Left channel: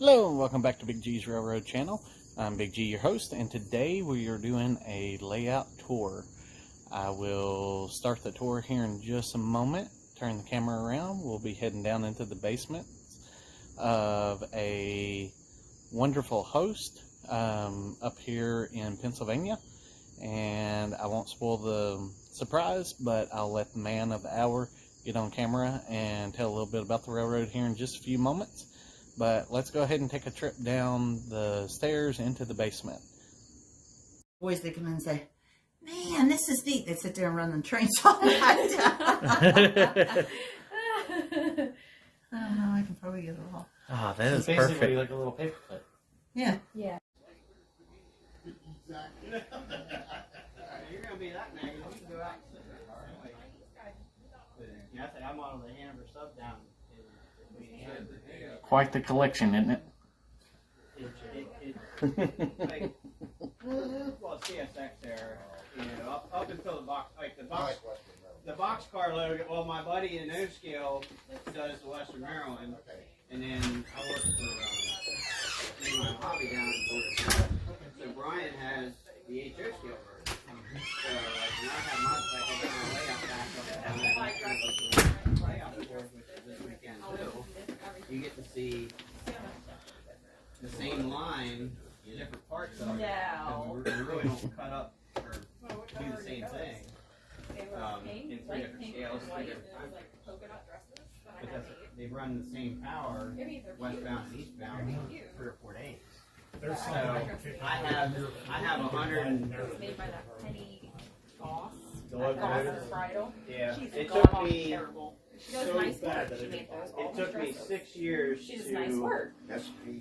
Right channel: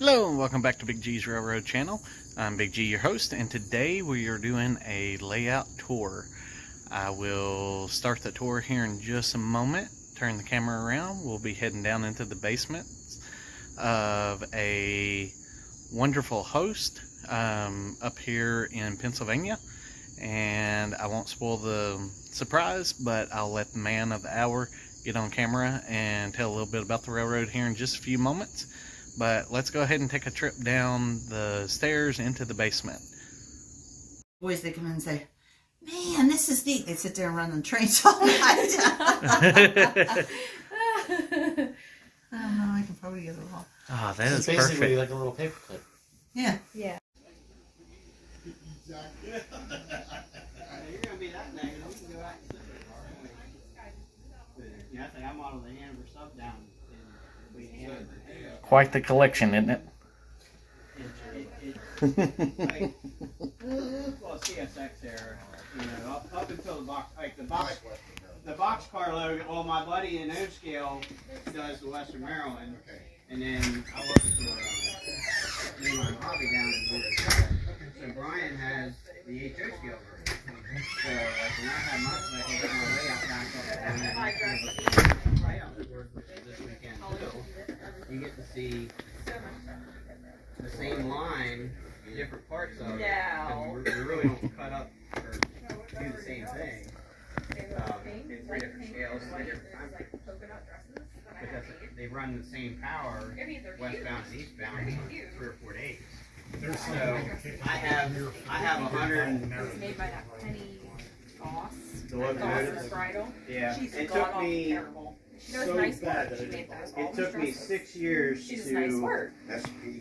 Hello and welcome back to Big G's Railroad Channel. I'm Big G, your host, and today we are doing a layout tour. I will start the tour here in just a moment. Turn the camera around. We'll be heading down into the basement of a wonderful host up here in Pennsylvania. And I won't spoil the surprise, but I'll let the man of the hour get on camera and tell a little bit about the railroad here in just a few moments. But let's go ahead and take a trip down the stairs into the basement. Boys, they come in and say, "Man, this is neat." They sit there and run the trains all night. I can probably get it all. Ah, that is basically perfect. like a little paperclip. Yeah. Yeah. You're gonna be that negative. You can go out and sit there. Yeah, I think I modeled the Hanover sub down. Quite the collection, isn't it? Well, CSX era, you know, up until the box, like the boxcar logo. Well, my buddy in O scale does the Western Maryland, and then I work for my hobby down in Georgia. So Brian has the HO scale version. So like when I have my layout board, which is this weekend too, you get to see the same line, different parts of it. We really don't cut up or do the same thing. In three different scales, three different times. Because they run the same power, westbound and eastbound, 3 or 4 days. So I have 100. It's made by that Penny Goss. The That Locomotive? Goss's bridal. Yeah, She's it god took awful me. terrible. She does so nice bad work. She made those. It took me 6 years She does nice to. work.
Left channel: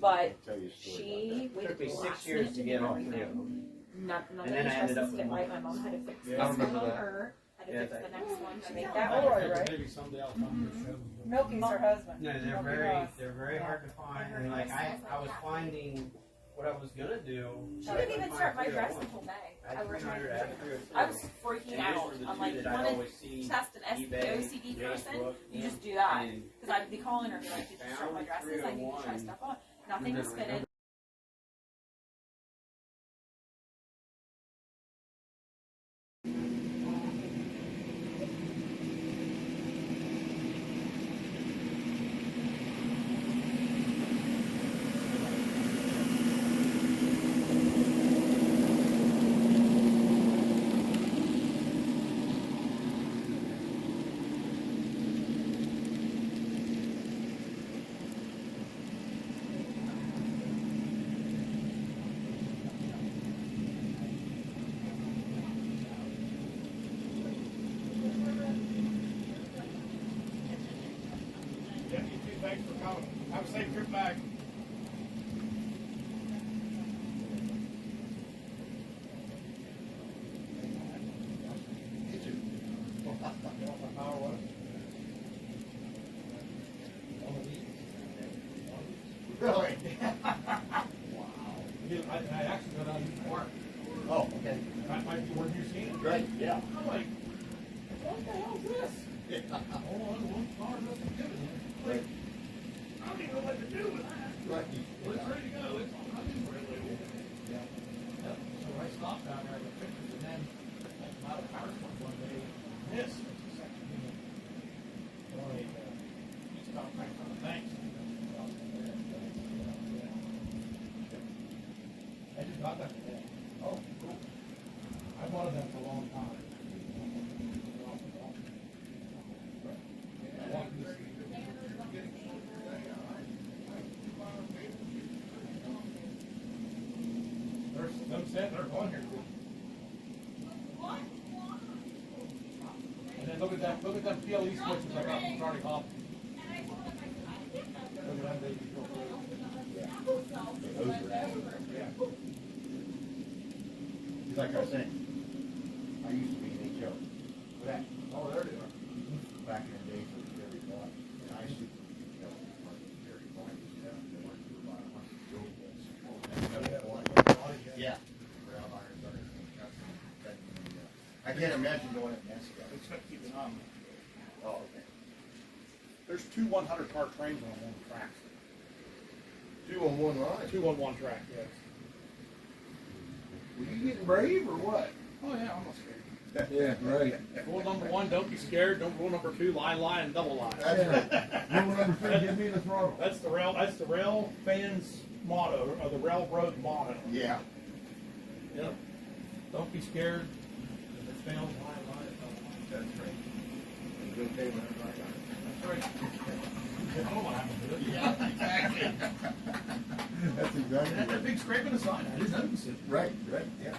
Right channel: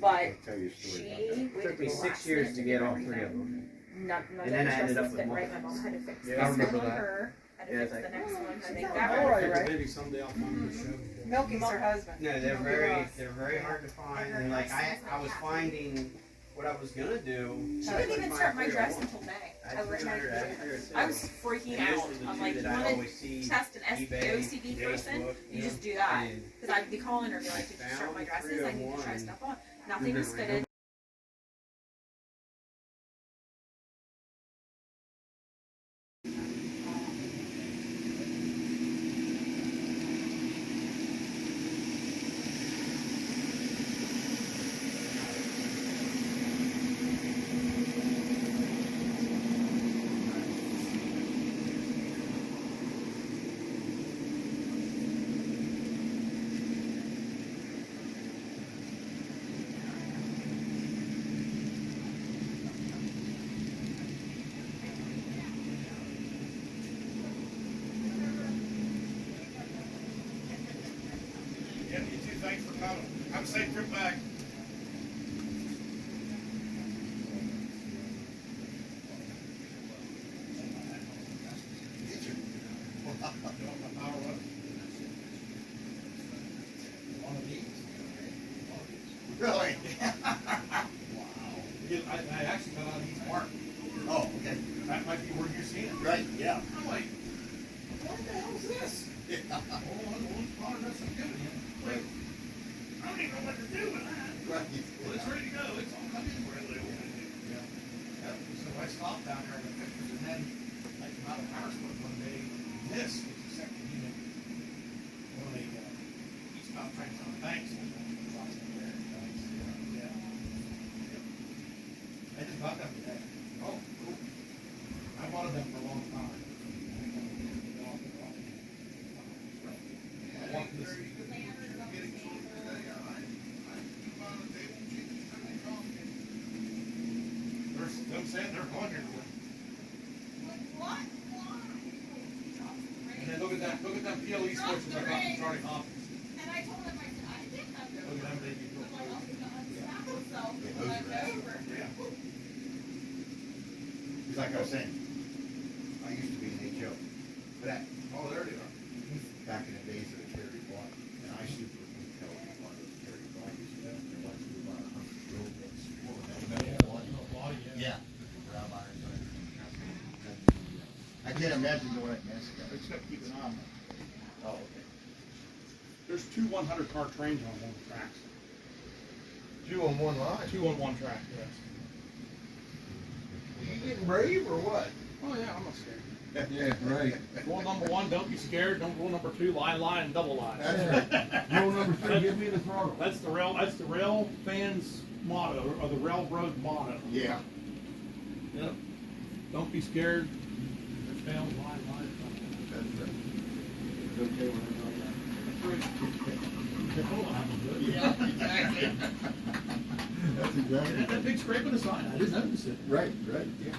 But she It took me 6 years to get all 3 of them. None And then I ended up with fit right. multiples. My mom had to fix Yeah, this I remember one on that. her. Had to Yeah, fix it's the like- next one. I think that one. Right. Maybe someday I'll come to the show. Milky's her husband. No, they're very hard to find. And like I was finding what I was gonna do. She didn't even start my dress until May. I was freaking out. I'm like, you want to test an OCD person? You just do that. Because I'd be calling her and be like, did you start my dresses? I need to try stuff on. Nothing was fitted. Yeah, you too. Thanks for coming. Have a safe trip back. Really? Wow. I actually went on East Park. Oh, okay. That might be where you're seeing it. Right, yeah. I'm like, what the hell is this? Yeah. Oh, one car doesn't do it. Like, I don't even know what to do with that. Right. Well, it's ready to go. It's all coming where it lives. Yeah. So I stopped down there with pictures, and then I came out of power sports one day. This is the second unit. Well, they eastbound trains on the banks. Yeah. I just got that today. Oh, cool. I wanted them for a long time. I wanted this. Them saying they're going here. And then look at that, look at them PLE switches I got from Charlie Hopkins. Look at them, they be cool. Yeah, those are rad. Yeah. He's like I was saying, I used to be an HO. But that, Oh, there they are. back in the days of Terry Bond, and I super utility one of the Terry Bond used to have, they went through about 100 road bits. Oh, Yeah. I can't imagine doing it in Mexico. They just got to keep an eye on them. Oh, okay. There's two 100-car trains on one of the tracks. 2 on one line. 2 on one track, yes. You getting brave or what? Oh yeah, I'm not scared. Yeah, right. Rule number 1, don't be scared. Rule number 2, line, and double line. That's right. Rule number 3, give me the throttle. That's the rail fans motto, or the railroad motto. Yeah. Yep. Don't be scared. If it fails, line. That's right. It's okay when That's all I have to do. Yeah, exactly. That's exactly. And that big scrape in the side, I didn't notice it. Right, yeah.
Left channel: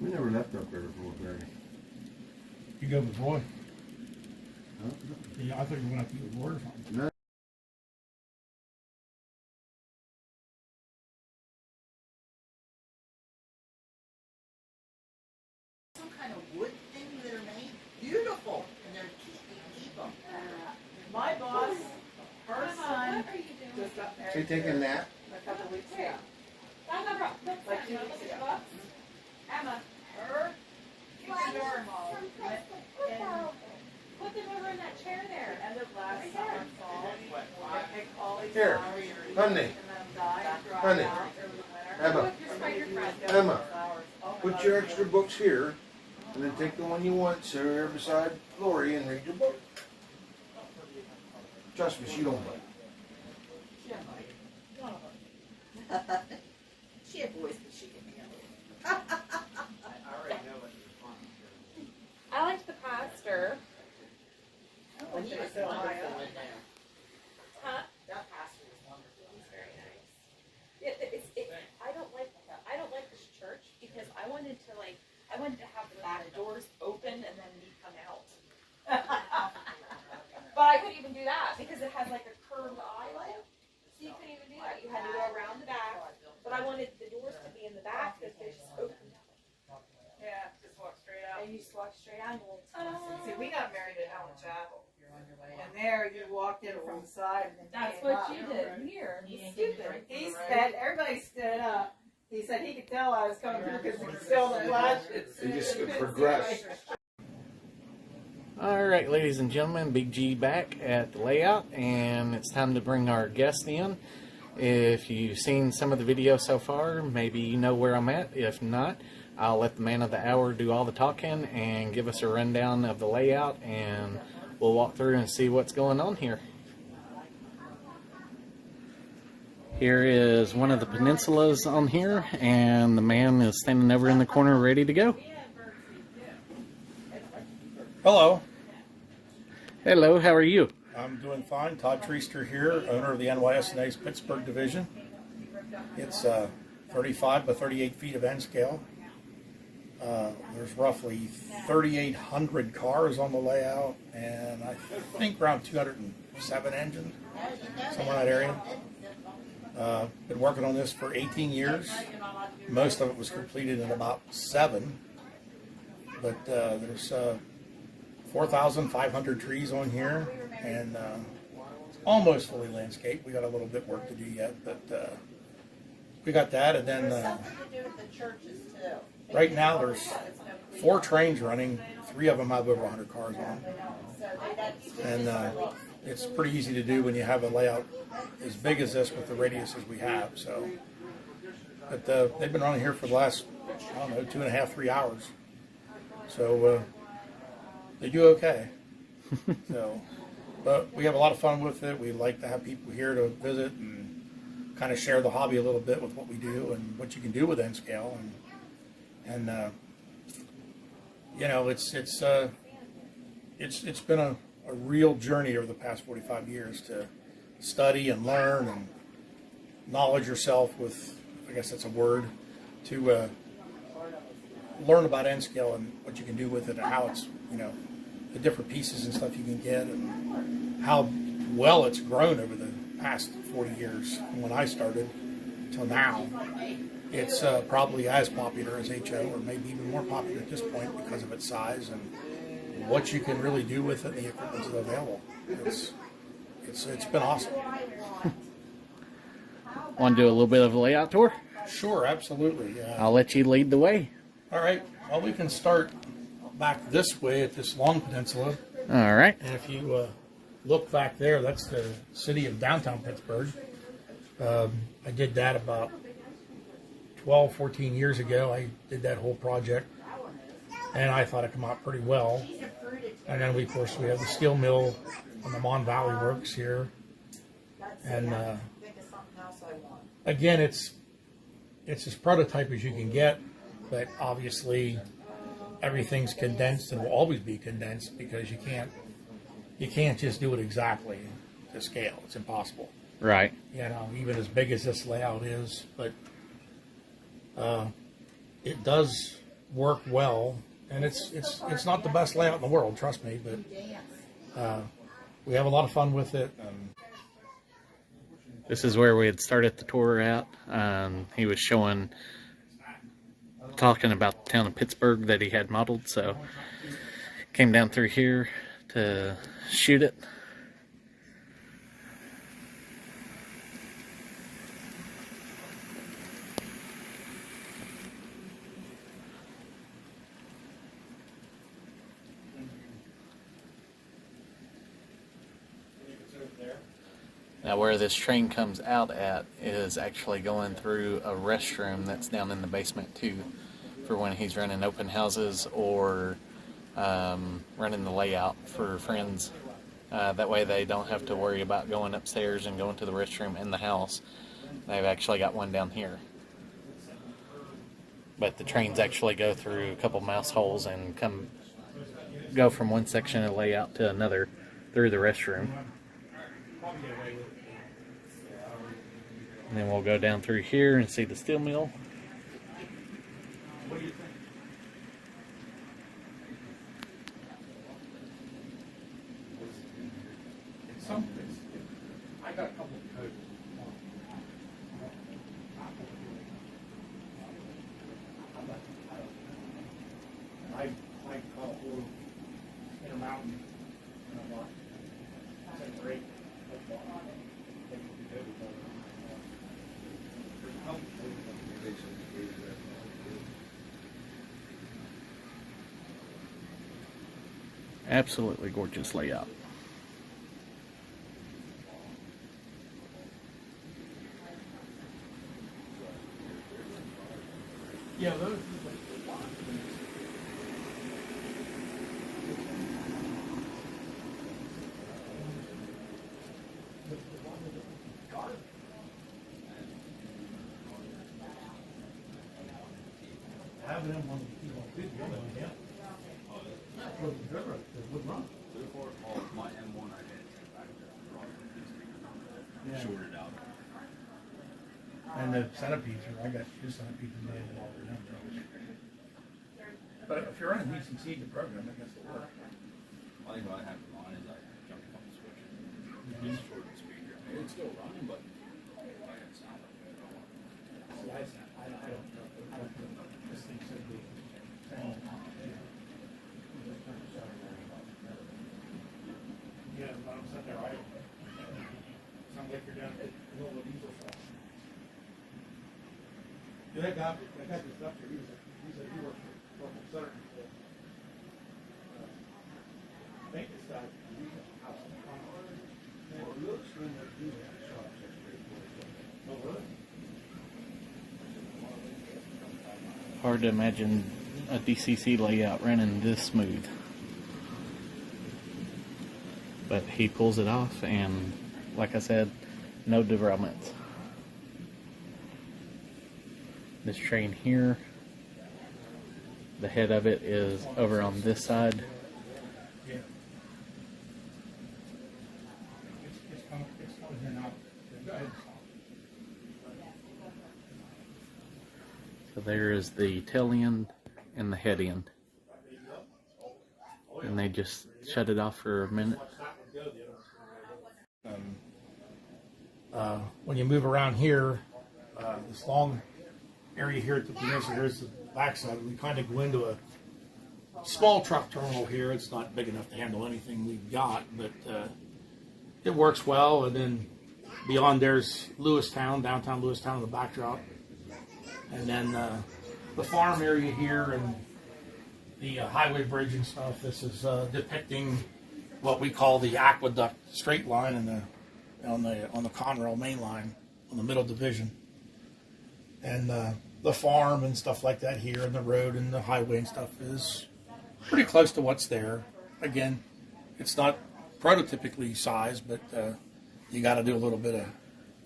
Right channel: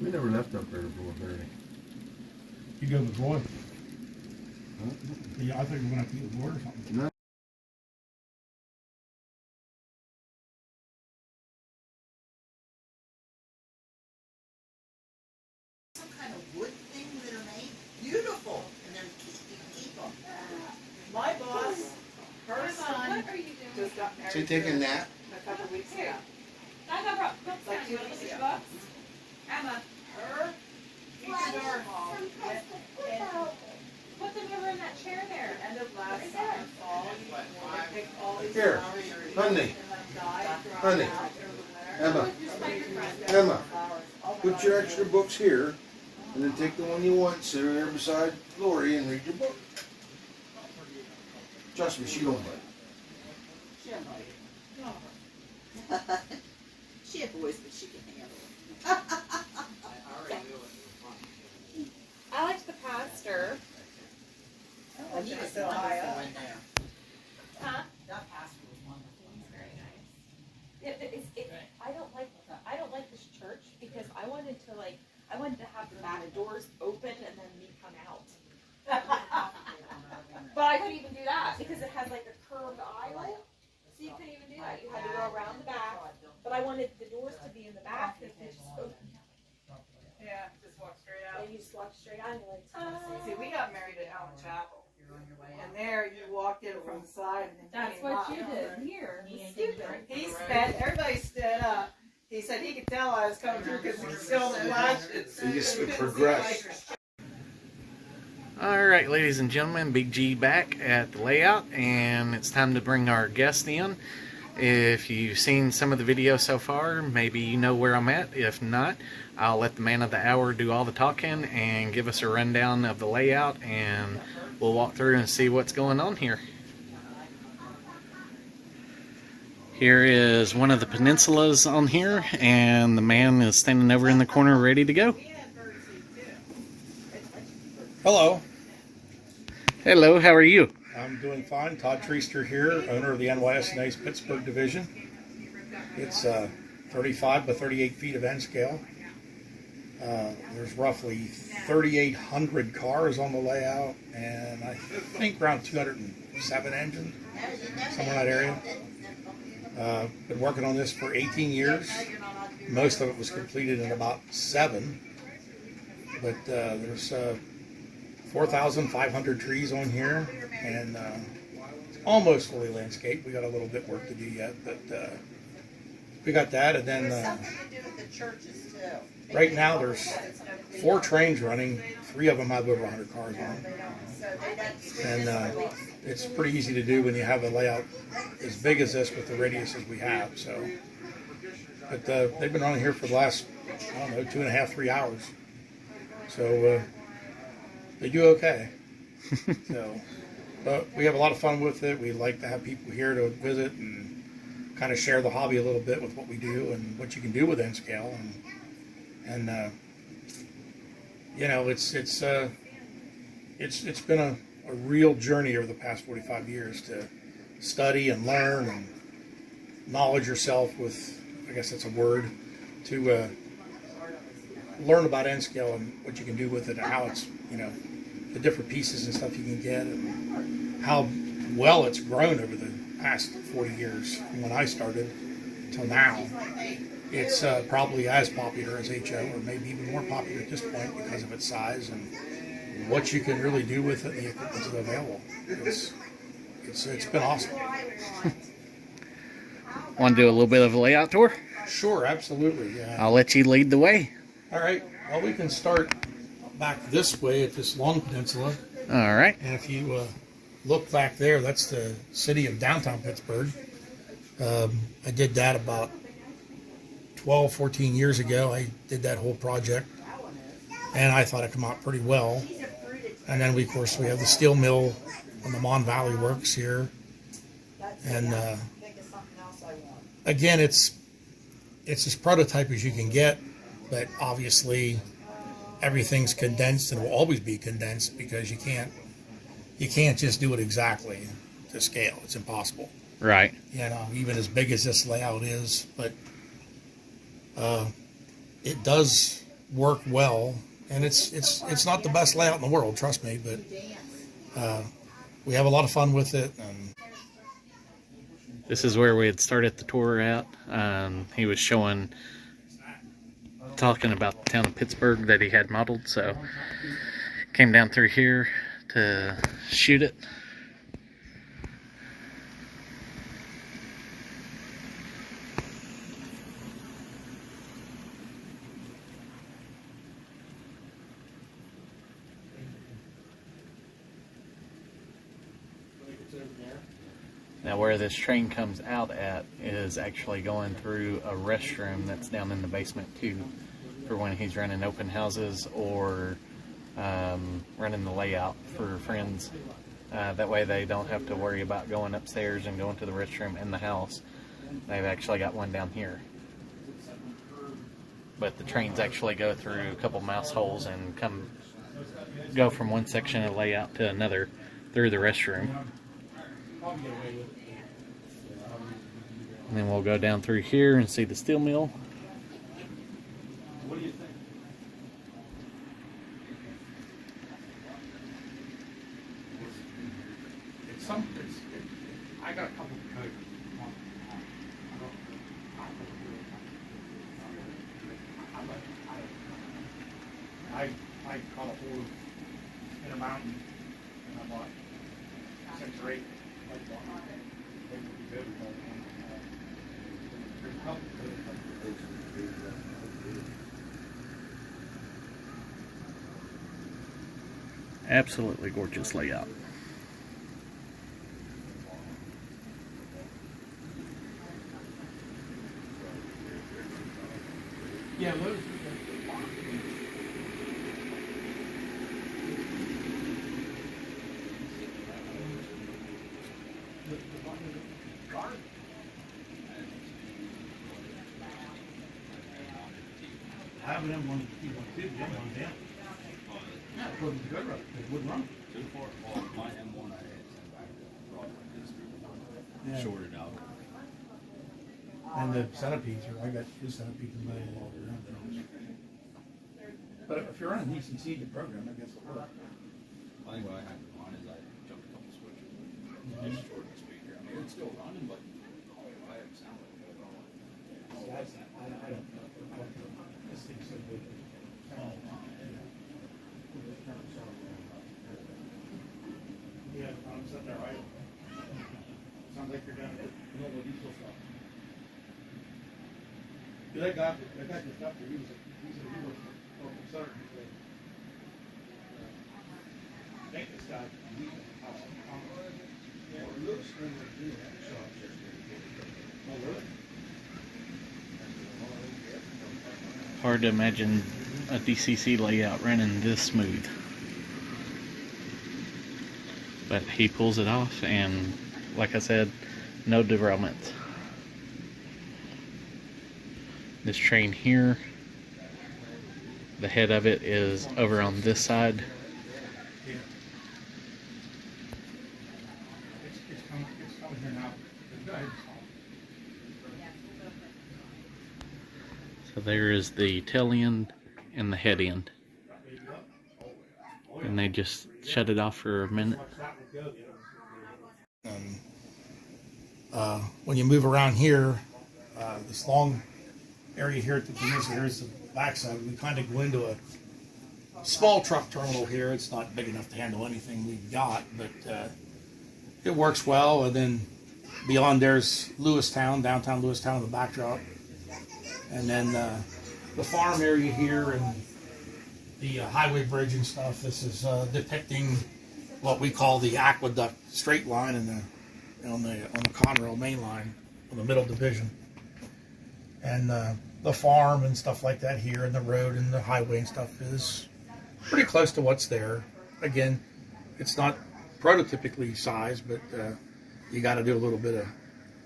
We never left up there before, Gary. You go with Roy? Yeah, I think we went out to eat with Roy or something. No. Some kind of wood thing that are made beautiful, and they're keep them. My boss, her son, Just got married. So you taking that? A couple weeks ago. I got brought books Like like 2 2 weeks weeks ago. ago. Emma, Her, keep the door mall. put them over in that chair there. End of last summer, fall, they picked all these Here, flowers honey, and then died, dried honey, out over the winter. Emma, Just find your friend. Emma, Flowers. Oh my put God, your it's extra beautiful. books here, and then take the one you want, sit there beside Lori and read your book. Trust me, she don't bite. She had boys, but she can handle it. I liked the pastor. And he was so high up. Huh? That pastor was wonderful. He's very nice. I don't like this church because I wanted to have the back doors open and then me come out. But I couldn't even do that because it has like a curved aisle. So you couldn't even do that. You had to go around the back. But I wanted the doors to be in the back that they just open. Yeah, just walk straight out. And you just walk straight out and you're like, See, we got married at Allen Chapel. And there, you walked in from the side and then that's came what up. you did here. Stupid. He sped, everybody stood up. He said he could tell I was coming through because he still didn't watch it. You just progress. All right, ladies and gentlemen, Big G back at the layout, and it's time to bring our guest in. If you've seen some of the video so far, maybe you know where I'm at. If not, I'll let the man of the hour do all the talking and give us a rundown of the layout, and we'll walk through and see what's going on here. Here is one of the peninsulas on here, and the man is standing over in the corner ready to go. Hello, Hello, how are you? I'm doing fine. Todd Treaster here, owner of the NYSNA's Pittsburgh division. It's 35 by 38 feet of end scale. There's roughly 3,800 cars on the layout, and I think around 207 engines, somewhere in that area. Been working on this for 18 years. Most of it was completed in about 7, but there's 4,500 trees on here, and it's almost fully landscaped. We got a little bit work to do yet, but we got that. And then right now there's 4 trains running. 3 of them have over 100 cars on, and it's pretty easy to do when you have a layout as big as this with the radiuses we have. So, but they've been running here for the last, I don't know, 2.5, 3 hours. So they do okay. So, but we have a lot of fun with it. We like to have people here to visit and kind of share the hobby a little bit with what we do and what you can do with N scale. And you know, it's been a real journey over the past 45 years to study and learn and knowledge yourself with, I guess that's a word, to learn about N scale and what you can do with it and how it's, you know, the different pieces and stuff you can get and how well it's grown over the past 40 years from when I started till now. It's probably as popular as HO, or maybe even more popular at this point because of its size and what you can really do with it and the equipment that's available. It's been awesome. Want to do a little bit of a layout tour? Sure, absolutely. Yeah. I'll let you lead the way. All right. Well, we can start back this way at this long peninsula. All right. And if you look back there, that's the city of downtown Pittsburgh. I did that about 12, 14 years ago. I did that whole project, and I thought it came out pretty well. And then, of course, we have the steel mill and the Mon Valley Works here. And again, it's as prototype as you can get, but obviously everything's condensed and will always be condensed because you can't just do it exactly to scale. It's impossible. Right. You know, even as big as this layout is, but it does work well, and it's not the best layout in the world, trust me, but we have a lot of fun with it. This is where we had started the tour at. He was talking about the town of Pittsburgh that he had modeled, so came down through here to shoot it. Now where this train comes out at is actually going through a restroom that's down in the basement too, for when he's running open houses or running the layout for friends. That way they don't have to worry about going upstairs and going to the restroom in the house. They've actually got one down here. But the trains actually go through a couple mouse holes and go from one section of layout to another through the restroom. And then we'll go down through here and see the steel mill. What do you think? I got a couple of codes. I caught a hole in a mountain, and I bought 6 or 8. Absolutely gorgeous layout. Yeah, those. Having them on people did them on them. That wasn't good, right? They wouldn't run. My M1 I had 10 back Yeah. shorted out. And the centipedes, I got 2 centipedes in my wall. But if you're running decent seed to program, I guess it'll work. I think what I had in mind is I jumped a couple switches. Just shortened the speaker. I mean, it's still running, but I have sound like that. I don't know. This thing's so big. Yeah, when I'm sitting there, sounds like you're doing Enola diesel stuff. That guy just up there, he worked for Southern before. I think this guy, it looks like he Oh, really? Hard to imagine a DCC layout running this smooth. But he pulls it off, and like I said, no derailment. This train here, the head of it is over on this side. It's coming here now. So there is the tail end and the head end. And they just shut it off for a minute. When you move around here, this long area here at the peninsula, here's the backside. We kind of go into a small truck terminal here. It's not big enough to handle anything we've got, but it works well. And then beyond there's Lewistown, downtown Lewistown, the backdrop. And then the farm area here and the highway bridge and stuff. This is depicting what we call the aqueduct straight line on the Conrail main line on the middle division, and the farm and stuff like that here, and the road and the highway and stuff is pretty close to what's there. Again, it's not prototypically sized, but you got to do a little bit of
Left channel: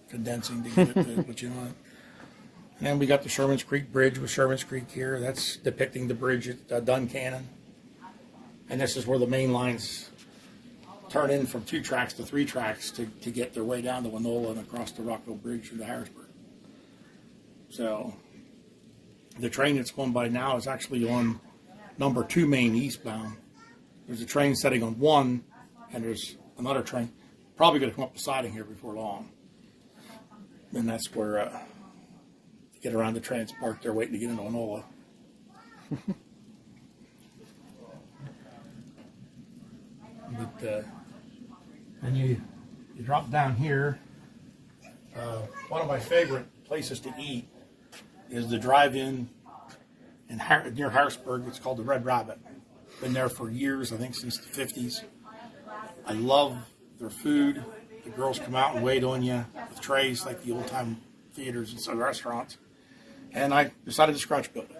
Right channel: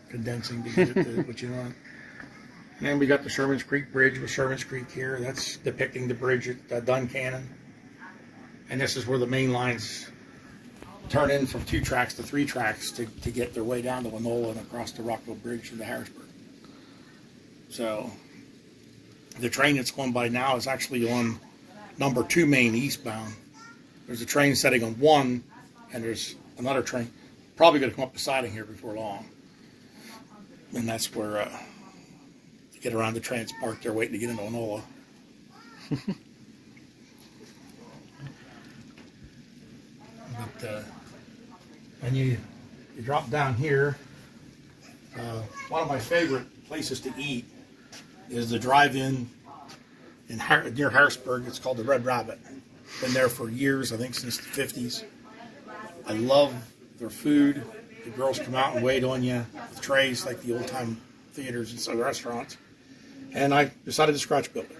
condensing to get it to what you want. And then we got the Sherman's Creek Bridge with Sherman's Creek here. That's depicting the bridge at Duncannon. And this is where the main lines turn in from 2 tracks to 3 tracks to get their way down to Enola and across the Rockville Bridge into Harrisburg. So the train that's going by now is actually on number 2 main eastbound. There's a train setting on 1, and there's another train probably going to come up the siding here before long. And that's where to get around the trains parked there waiting to get into Enola. But and you drop down here. One of my favorite places to eat is the drive-in near Harrisburg. It's called the Red Rabbit. Been there for years, I think since the 50s. I love their food. The girls come out and wait on you with trays like the old-time theaters and some restaurants. And I decided to scratch build it.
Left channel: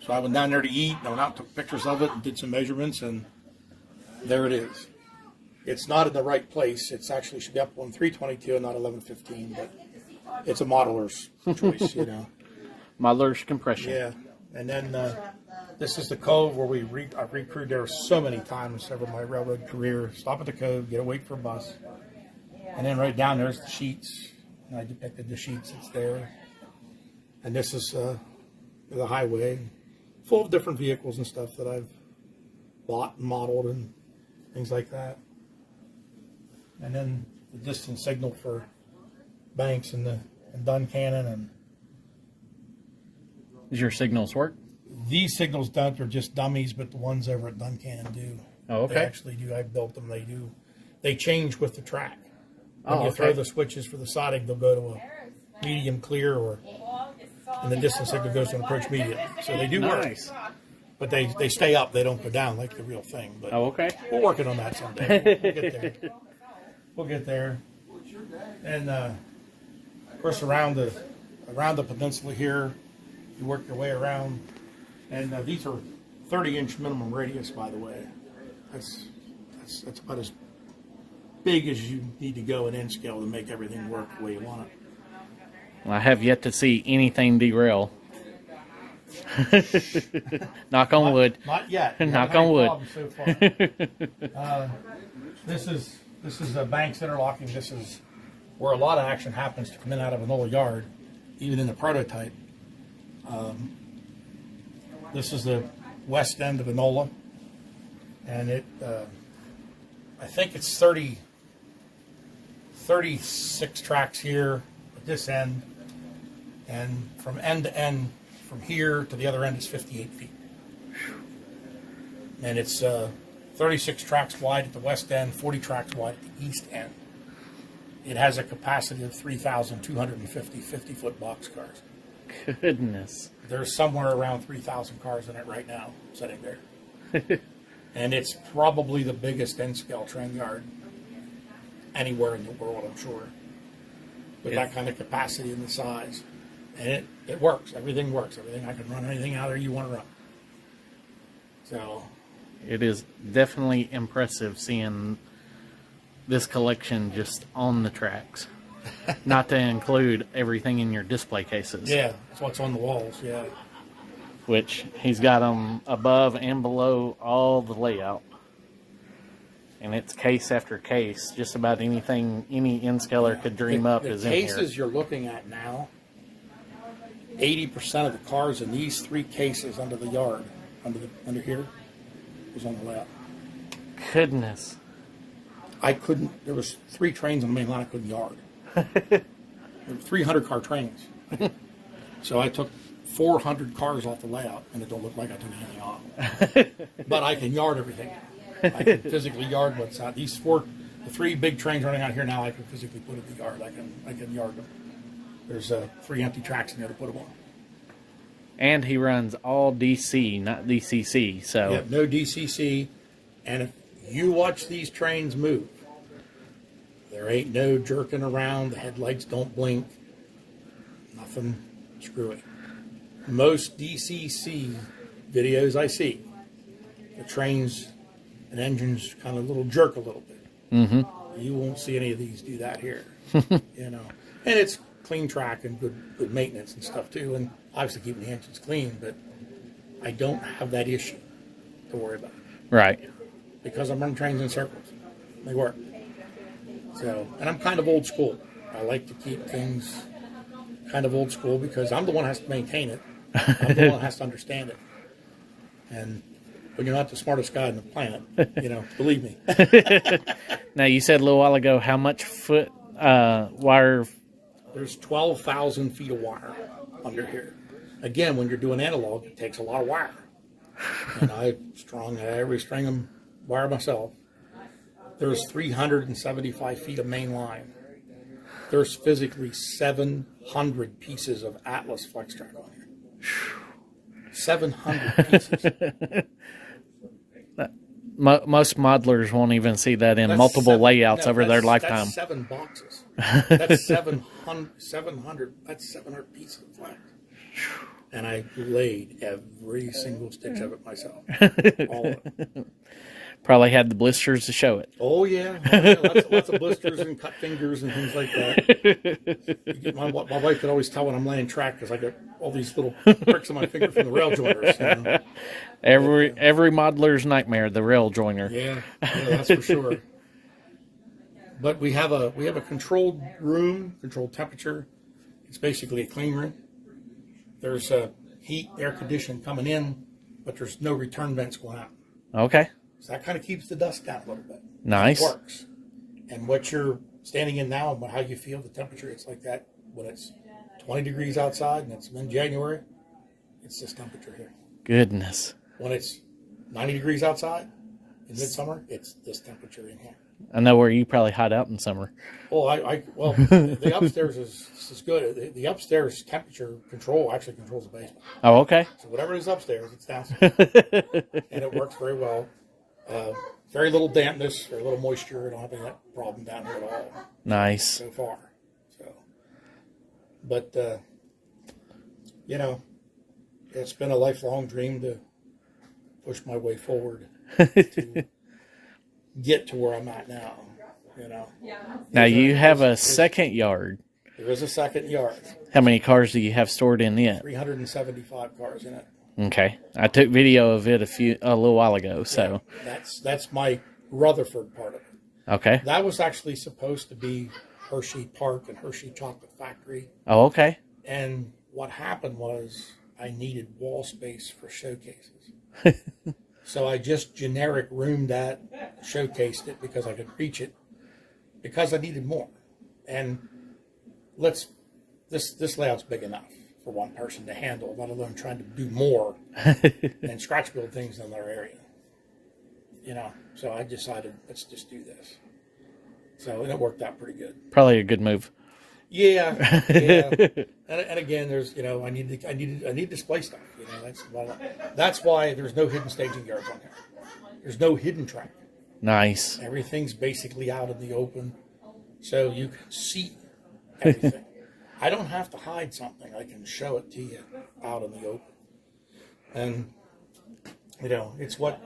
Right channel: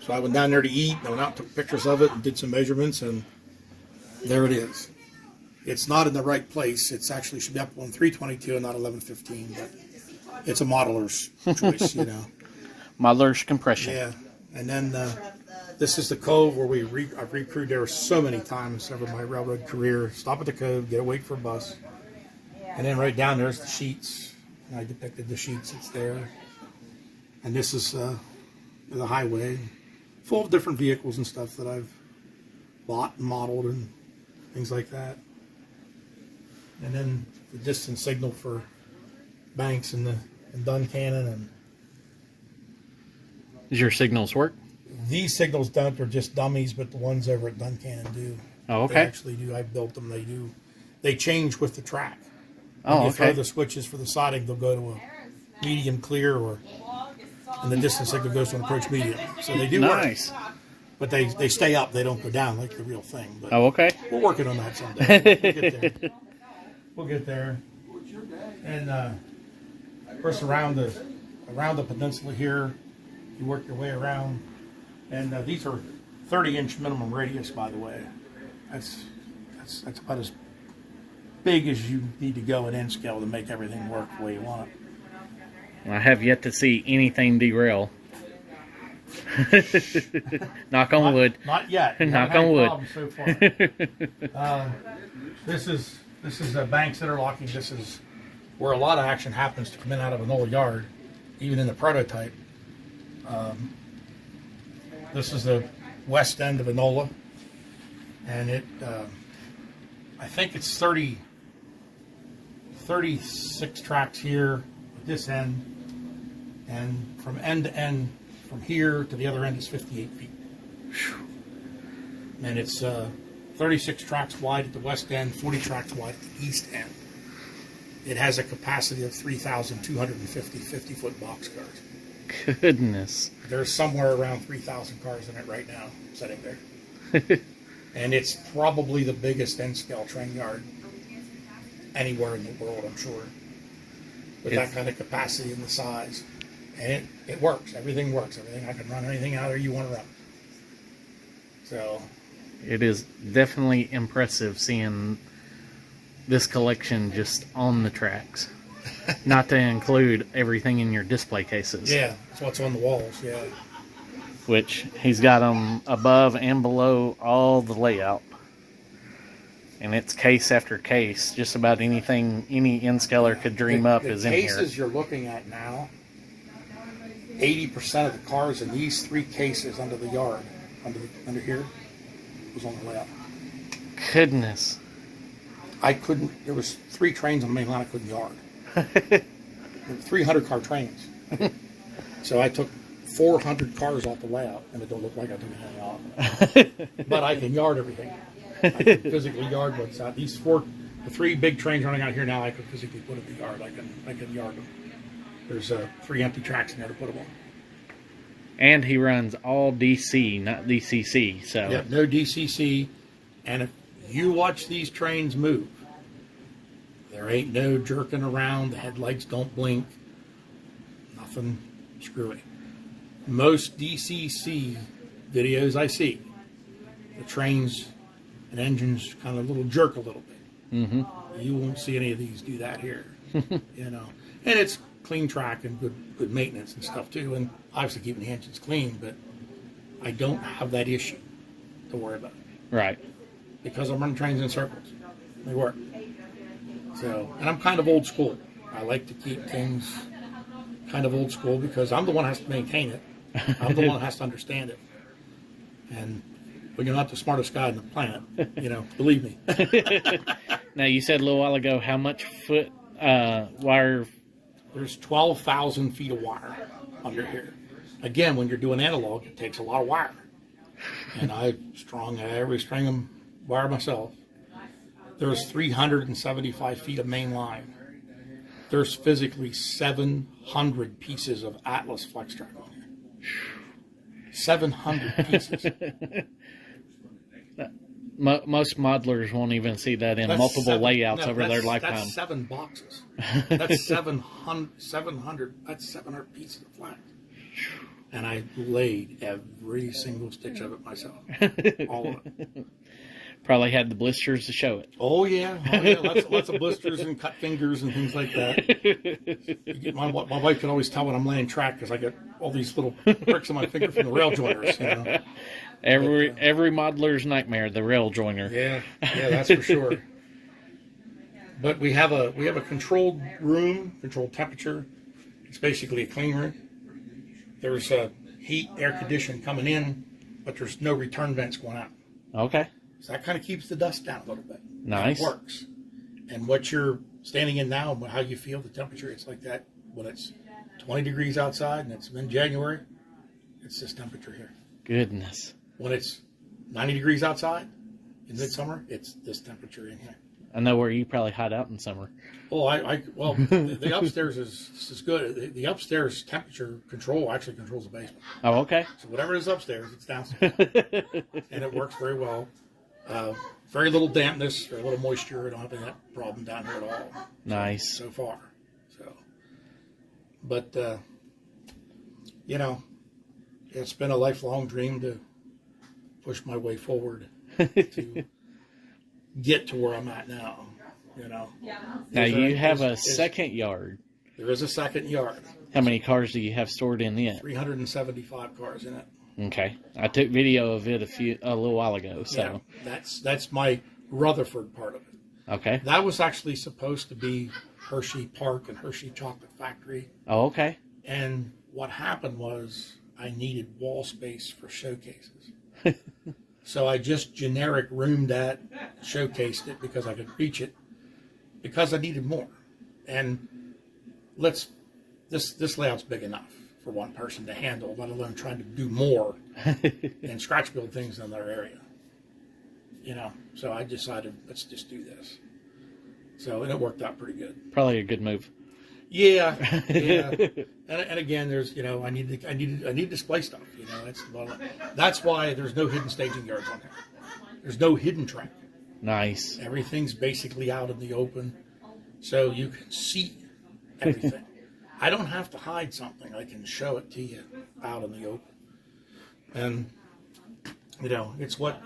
So I went down there to eat. I went out and took pictures of it and did some measurements, and there it is. It's not in the right place. It's actually should be up on 322 and not 1115, but it's a modeler's choice, you know. Modeler's compression. Yeah. And then this is the cove where I've recrewed there so many times over my railroad career. Stop at the cove, get a wait for a bus. And then right down there's the sheets. And I depicted the sheets that's there. And this is the highway, full of different vehicles and stuff that I've bought and modeled and things like that. And then the distance signal for Banks and Duncannon. And Does your signals work? these signals don't, they're just dummies, but the ones over at Duncannon do. Oh, okay. They actually do. I built them. They do. They change with the track. When Oh, you okay. throw the switches for the siding, they'll go to a medium clear, and the distance signal goes to an approach medium. So they do Nice. work. But they stay up. They don't go down like the real thing. But Oh, okay. we're working on that someday. We'll get there. We'll get there. And of course, around the peninsula here, you work your way around. And these are 30-inch minimum radius, by the way. That's about as big as you need to go in N scale to make everything work the way you want it. I have yet to see anything derail. Knock on wood. Not yet. We Knock haven't on had wood. problems so far. This is a Banks interlocking. This is where a lot of action happens to come in out of an old yard, even in the prototype. This is the west end of Enola, and it I think it's 36 tracks here at this end, and from end to end, from here to the other end is 58 feet. And it's 36 tracks wide at the west end, 40 tracks wide at the east end. It has a capacity of 3,250 50-foot boxcars. Goodness. There's somewhere around 3,000 cars in it right now, sitting there. And it's probably the biggest N-scale train yard anywhere in the world, I'm sure. With that kind of capacity and the size. And it works. Everything works. Everything, I can run anything out there you want to run. So It is definitely impressive seeing this collection just on the tracks. Not to include everything in your display cases. yeah, that's what's on the walls, yeah. Which he's got them above and below all the layout. And it's case after case. Just about anything any N-scaler could dream up is in here. The cases you're looking at now, 80% of the cars in these 3 cases under the yard, under here, was on the layout. Goodness. There was 3 trains on the main line I couldn't yard. There were 300 car trains. So I took 400 cars off the layout, and it don't look like I took anything off. But I can yard everything. I can physically yard what's out. The 3 big trains running out here now, I can physically put at the yard. I can yard them. There's 3 empty tracks in there to put them on. And he runs all DC, not DCC. So Yeah, no DCC, and You watch these trains move. There ain't no jerking around. The headlights don't blink. Nothing screwy. Most DCC videos I see, the trains and engines kind of little jerk a little bit. Mm-hmm. You won't see any of these do that here. You know, and it's clean track and good maintenance and stuff too, and obviously keeping the engines clean. But I don't have that issue to worry about. Right. Because I'm running trains in circles. They work. So, and I'm kind of old school. I like to keep things kind of old school because I'm the one that has to maintain it. I'm the one that has to understand it. And when you're not the smartest guy on the planet, you know, believe me. Now, you said a little while ago how much foot wire? There's 12,000 feet of wire under here. Again, when you're doing analog, it takes a lot of wire. And I string them wire myself. There's 375 feet of main line. There's physically 700 pieces of Atlas flex track on here. 700 pieces. Most modelers won't even see that in multiple layouts over their lifetime. That's 7 boxes. That's 700. That's 700 pieces of flex. And I laid every single stitch of it myself. All of it. Probably had the blisters to show it. Oh yeah. Lots of blisters and cut fingers and things like that. My wife could always tell when I'm laying track because I got all these little pricks on my finger from the rail joiners. You know? Every modeler's nightmare, the rail joiner. Yeah, that's for sure. But we have a controlled room, controlled temperature. It's basically a clean room. There's heat, air conditioning coming in, but there's no return vents going out. Okay. So that kind of keeps the dust down a little bit. Nice. It works. And what you're standing in now, how you feel the temperature, it's like that when it's 20 degrees outside and it's in January, it's this temperature here. Goodness. When it's 90 degrees outside in midsummer, it's this temperature in here. I know where you probably hide out in summer. Oh, well, the upstairs is good. The upstairs temperature control actually controls the basement. Oh, okay. So whatever is upstairs, it's downstairs. And it works very well. Very little dampness, very little moisture. I don't have any of that problem down here at all. Nice. So far. So, but, you know, it's been a lifelong dream to push my way forward to get to where I'm at now, you know. Now you have a second yard. There is a second yard. How many cars do you have stored in it? 375 cars in it. Okay. I took video of it a little while ago, so. Yeah, that's my Rutherford part of it. Okay. That was actually supposed to be Hershey Park and Hershey Chocolate Factory. Oh, okay. And what happened was I needed wall space for showcases. So I just generic roomed that, showcased it because I could reach it, because I needed more. And this layout's big enough for one person to handle, let alone trying to do more and scratch build things in their area. You know, so I decided, let's just do this. So, and it worked out pretty good. Probably a good move. Yeah. And again, there's, you know, I need display stuff. You know, that's why there's no hidden staging yards on there. There's no hidden track. Nice. Everything's basically out in the open, so you can see everything. I don't have to hide something. I can show it to you out in the open. And, you know, it's what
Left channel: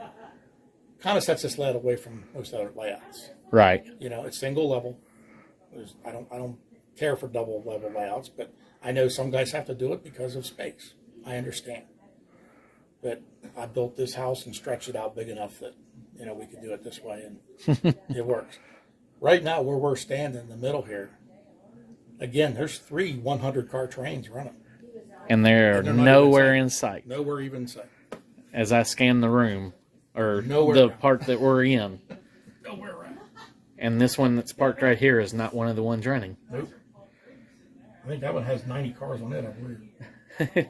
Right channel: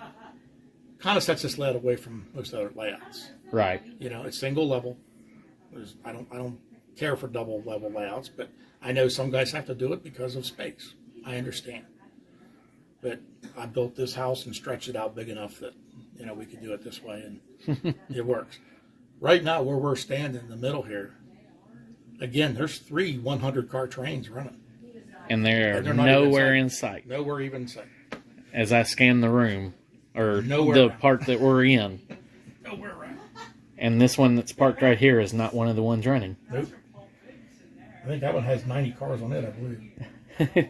kind of sets this layout away from most other layouts. Right. You know, it's single level. I don't care for double level layouts, but I know some guys have to do it because of space. I understand. But I built this house and stretched it out big enough that, you know, we could do it this way, and it works. Right now, where we're standing in the middle here, again, there's 3 100-car trains running. And they're nowhere in sight. Nowhere even in sight. As I scan the room, or Nowhere the part that we're in. Nowhere around. And this one that's parked right here is not one of the ones running. Nope. I think that one has 90 cars on it, I believe.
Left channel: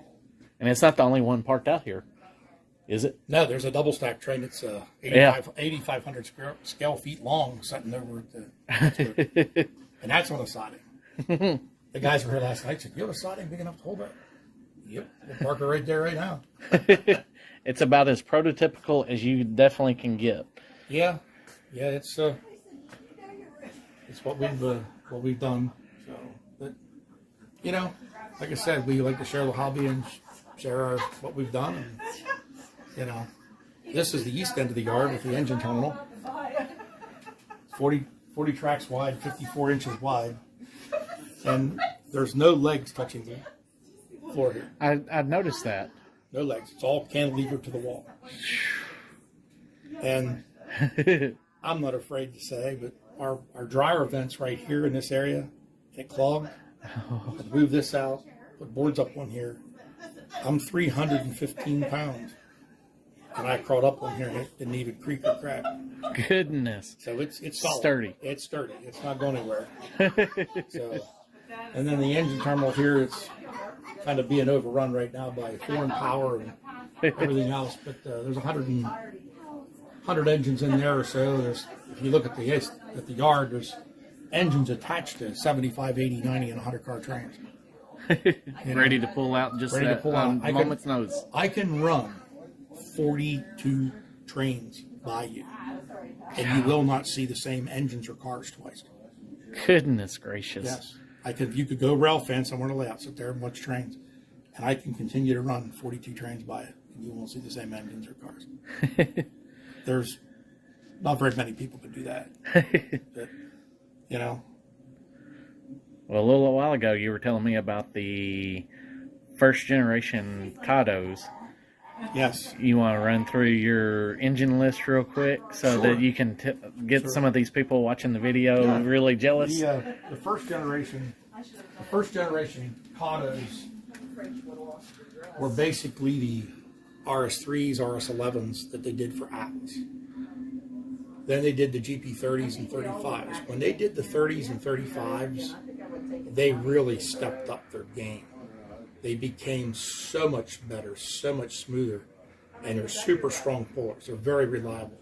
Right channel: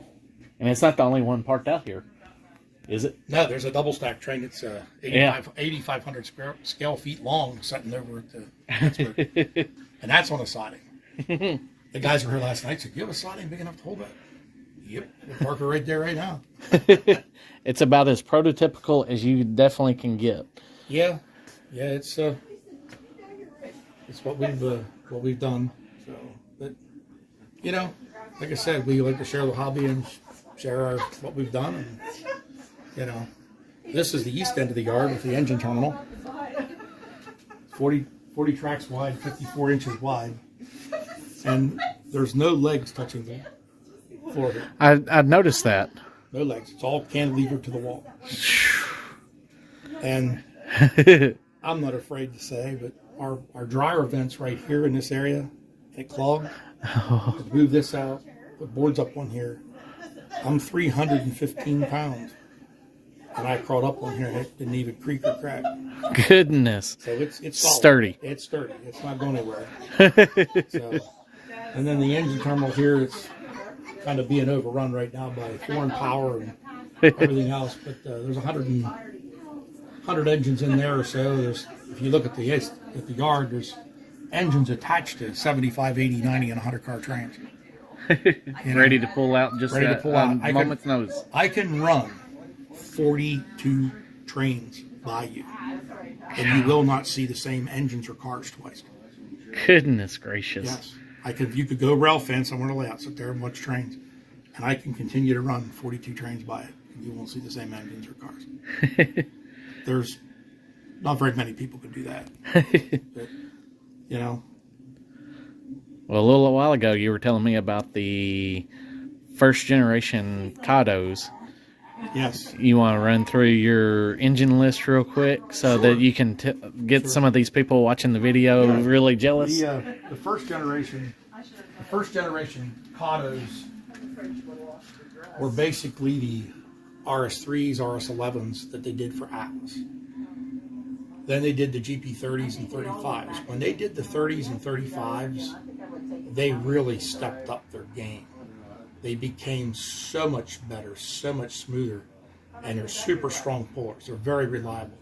And it's not the only one parked out here, is it? No, there's a double stack train that's 8,500 scale feet long, sitting over at the Pittsburgh. And that's on a siding. The guys were here last night. Said, "You have a siding big enough to hold that?" Yep, we'll park it right there, right now. It's about as prototypical as you definitely can get. Yeah, Yeah, it's what we've done. So, but you know, like I said, we like to share the hobby and share what we've done. And you know, this is the east end of the yard with the engine terminal. 40 tracks wide, 54 inches wide, and there's no legs touching the floor here. I noticed that. No legs. It's all cantilevered to the wall. And I'm not afraid to say, but our dryer vents right here in this area get clogged. Move this out, put boards up on here. I'm 315 pounds. And I crawled up on here and it didn't even creak or crack. Goodness. So it's solid. Sturdy. It's sturdy. It's not going anywhere. So, and then the engine terminal here, it's kind of being overrun right now by foreign power and everything else. But there's 100 engines in there or so. There's, if you look at the yard, there's engines attached to 75, 80, 90, and 100 car trains. Ready to pull out just Ready to pull out. a moment's notice. I can run 42 trains by you, and you will not see the same engines or cars twice. Goodness gracious. Yes. You could go rail fence somewhere to lay out, sit there and watch trains, and I can continue to run 42 trains by it, and you won't see the same engines or cars. There's not very many people can do that. But, you know. Well, a little while ago, you were telling me about the first generation Cados. Yes. You want to run through your engine list real quick so that you can get some of these people watching the video really jealous? The first generation Cados were basically the RS3s, RS11s that they did for Atlas. Then they did the GP30s and 35s. When they did the 30s and 35s, they really stepped up their game. They became so much better, so much smoother, and they're super strong pullers. They're very reliable.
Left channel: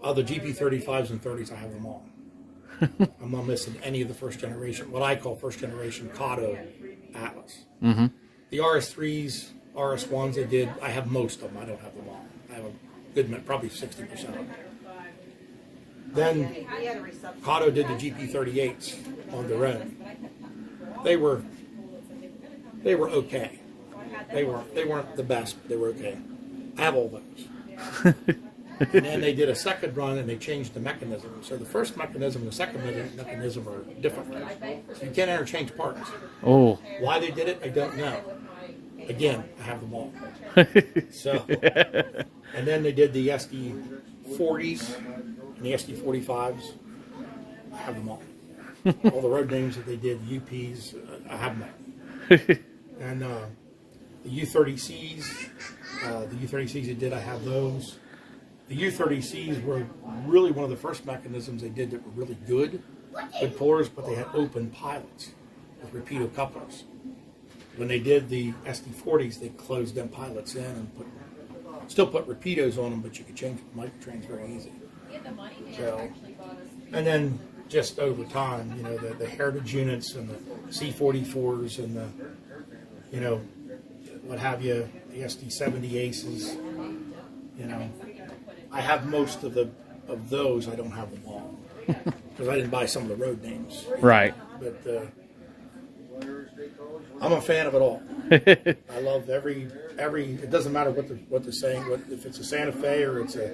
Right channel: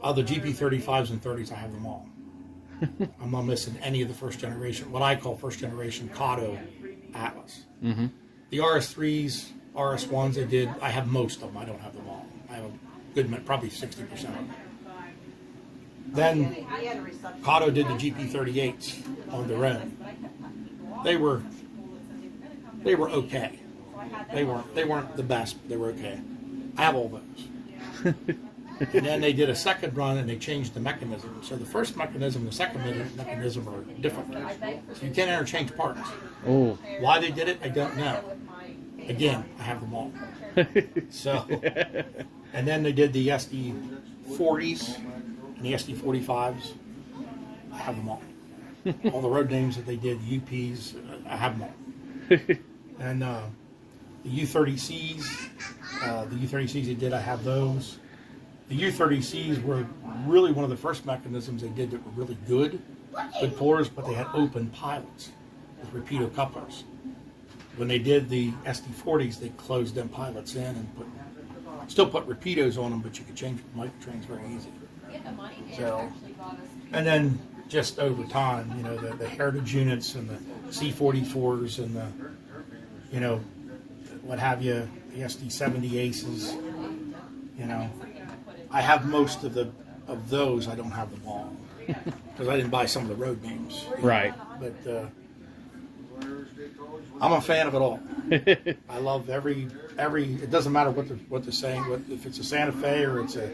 Of the GP35s and 30s, I have them all. I'm not missing any of the first generation, what I call first generation Cado Atlas. Mm-hmm. The RS3s, RS1s they did, I have most of them. I don't have them all. I have a good, probably 60% of them. Then Cado did the GP38s on their own. They were okay. They weren't the best, but they were okay. I have all those. And then they did a second run and they changed the mechanism. So the first mechanism and the second mechanism are different. So you can't interchange parts. Oh. Why they did it, I don't know. Again, I have them all. So, and then they did the SD40s and the SD45s. I have them all. All the road names that they did, UPs, I have them all. And the U30Cs, they did, I have those. The U30Cs were really one of the first mechanisms they did that were really good pullers, but they had open pilots with repeater couplers. When they did the SD40s, they closed them pilots in and still put repeaters on them, but you could change microtrains very easy. So, and then just over time, you know, the heritage units and the C44s and the, you know, what have you, the SD70 Aces, you know. I have most of those. I don't have them all because I didn't buy some of the road names. Right. But I'm a fan of it all. I love every. It doesn't matter what they're saying. If it's a Santa Fe or it's a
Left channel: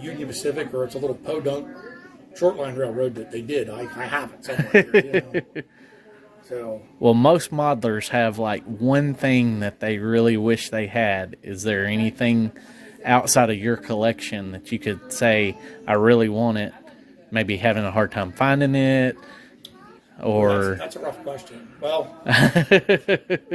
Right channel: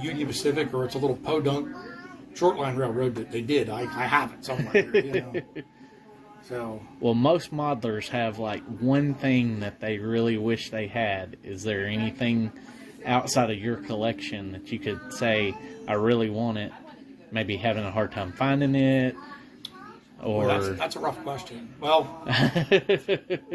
Union Pacific or it's a little podunk shortline railroad that they did. I have it somewhere. You know? So. Well, most modelers have like one thing that they really wish they had. Is there anything outside of your collection that you could say, I really want it, maybe having a hard time finding it, or... Well, that's a rough question. Well,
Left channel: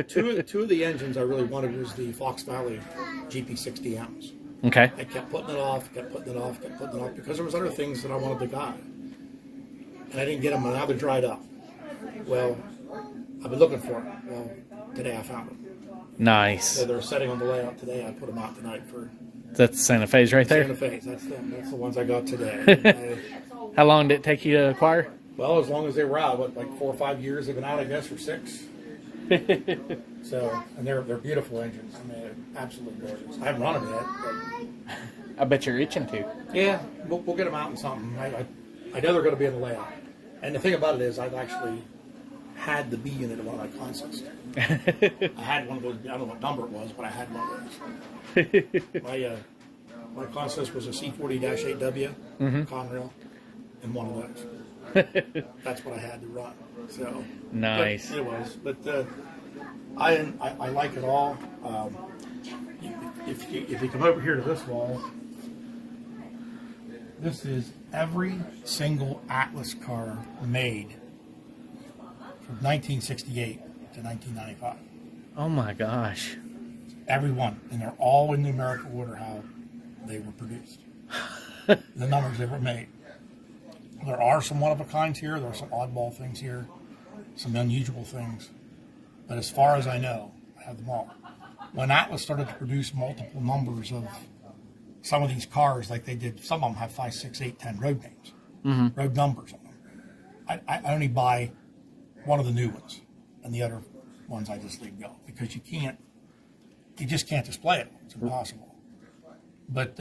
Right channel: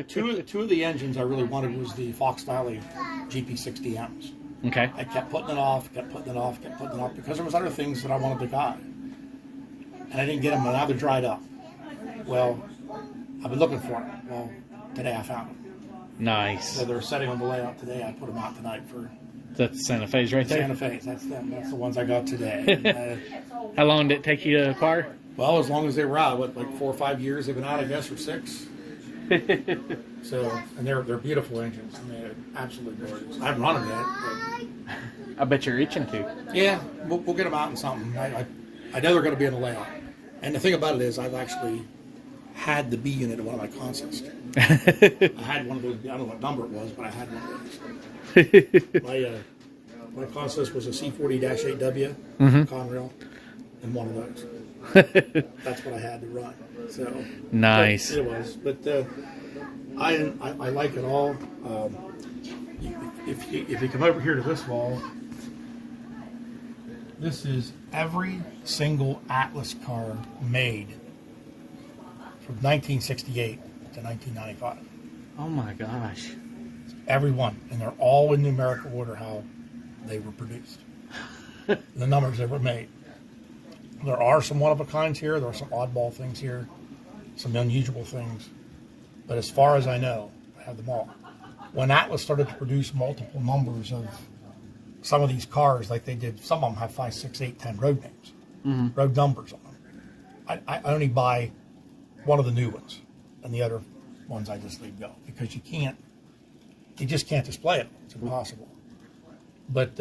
two of the engines I really wanted was the Fox Valley GP60Ms. Okay. I kept putting it off because there was other things that I wanted to buy. And I didn't get them, and now they're dried up. Well, I've been looking for them. Well, today I found them. Nice. So they're setting on the layout today. I put them out tonight for... That's Santa Fe's right there? Santa Fe's, that's them. That's the ones I got today. How long did it take you to acquire? Well, as long as they were out, like 4 or 5 years they've been out, I guess, or 6. So, and they're beautiful engines. I mean, absolutely gorgeous. I haven't run them yet, I bet you're itching to. Yeah, we'll get them out in something. I know they're going to be in the layout. And the thing about it is, I've actually had the B unit of one of my consoles. I had one of those. I don't know what number it was, but I had one of those. My consist was a C40-8W Conrail, and one of those. That's what I had to run. So nice. It was, but I like it all. If you come over here to this wall, this is every single Atlas car made from 1968 to 1995. Oh my gosh. Every one, and they're all in numerical order how they were produced. The numbers they were made. There are some one-of-a-kinds here. There are some oddball things here. Some unusual things. But as far as I know, I have them all. When Atlas started to produce multiple numbers of some of these cars, like they did, some of them have 5, 6, 8, 10 road names, road numbers on them. I only buy one of the new ones, and the other ones I just leave go, because you just can't display it. It's impossible. But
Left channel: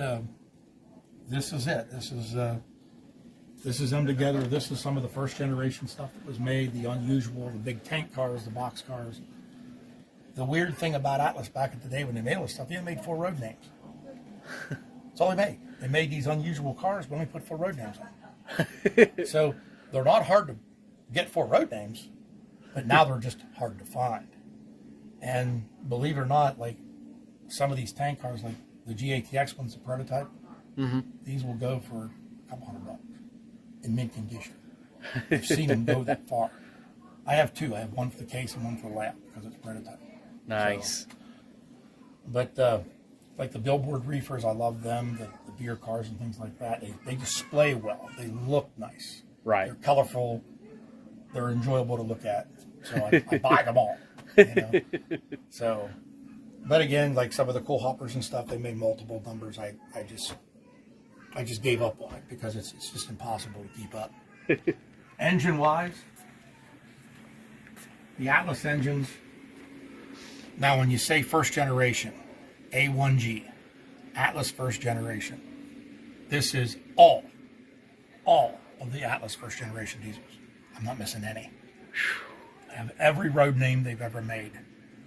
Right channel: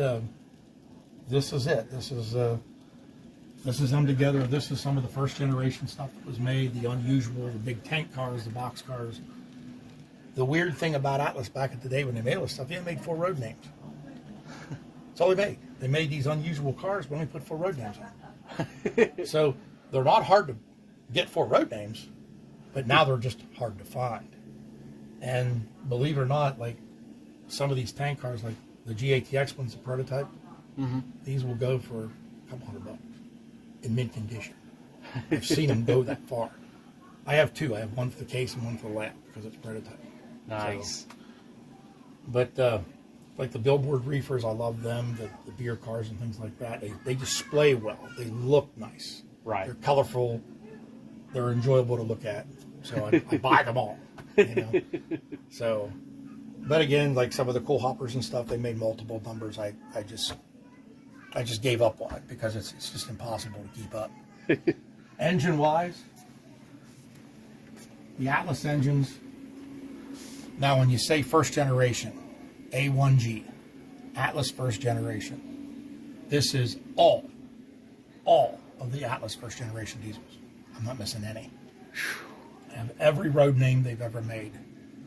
this is it. This is them together. This is some of the first generation stuff that was made, the unusual, the big tank cars, the box cars. The weird thing about Atlas back in the day when they made all this stuff, they made 4 road names. That's all they made. They made these unusual cars, but only put 4 road names on. So they're not hard to get 4 road names, but now they're just hard to find. And believe it or not, like some of these tank cars, like the GATX one's a prototype, these will go for a couple $100 in mint condition. I've seen them go that far. I have 2. I have one for the case and one for the lap because it's prototype. Nice. So, but like the billboard reefers, I love them. The beer cars and things like that. They display well. They look nice. Right. They're colorful. They're enjoyable to look at. So I buy them all. You know? So, but again, like some of the cool hoppers and stuff, they made multiple numbers. I just gave up on it because it's just impossible to keep up. Engine wise, the Atlas engines. Now, when you say first generation, A1G, Atlas first generation, this is all of the Atlas first generation diesels. I'm not missing any. I have every road name they've ever made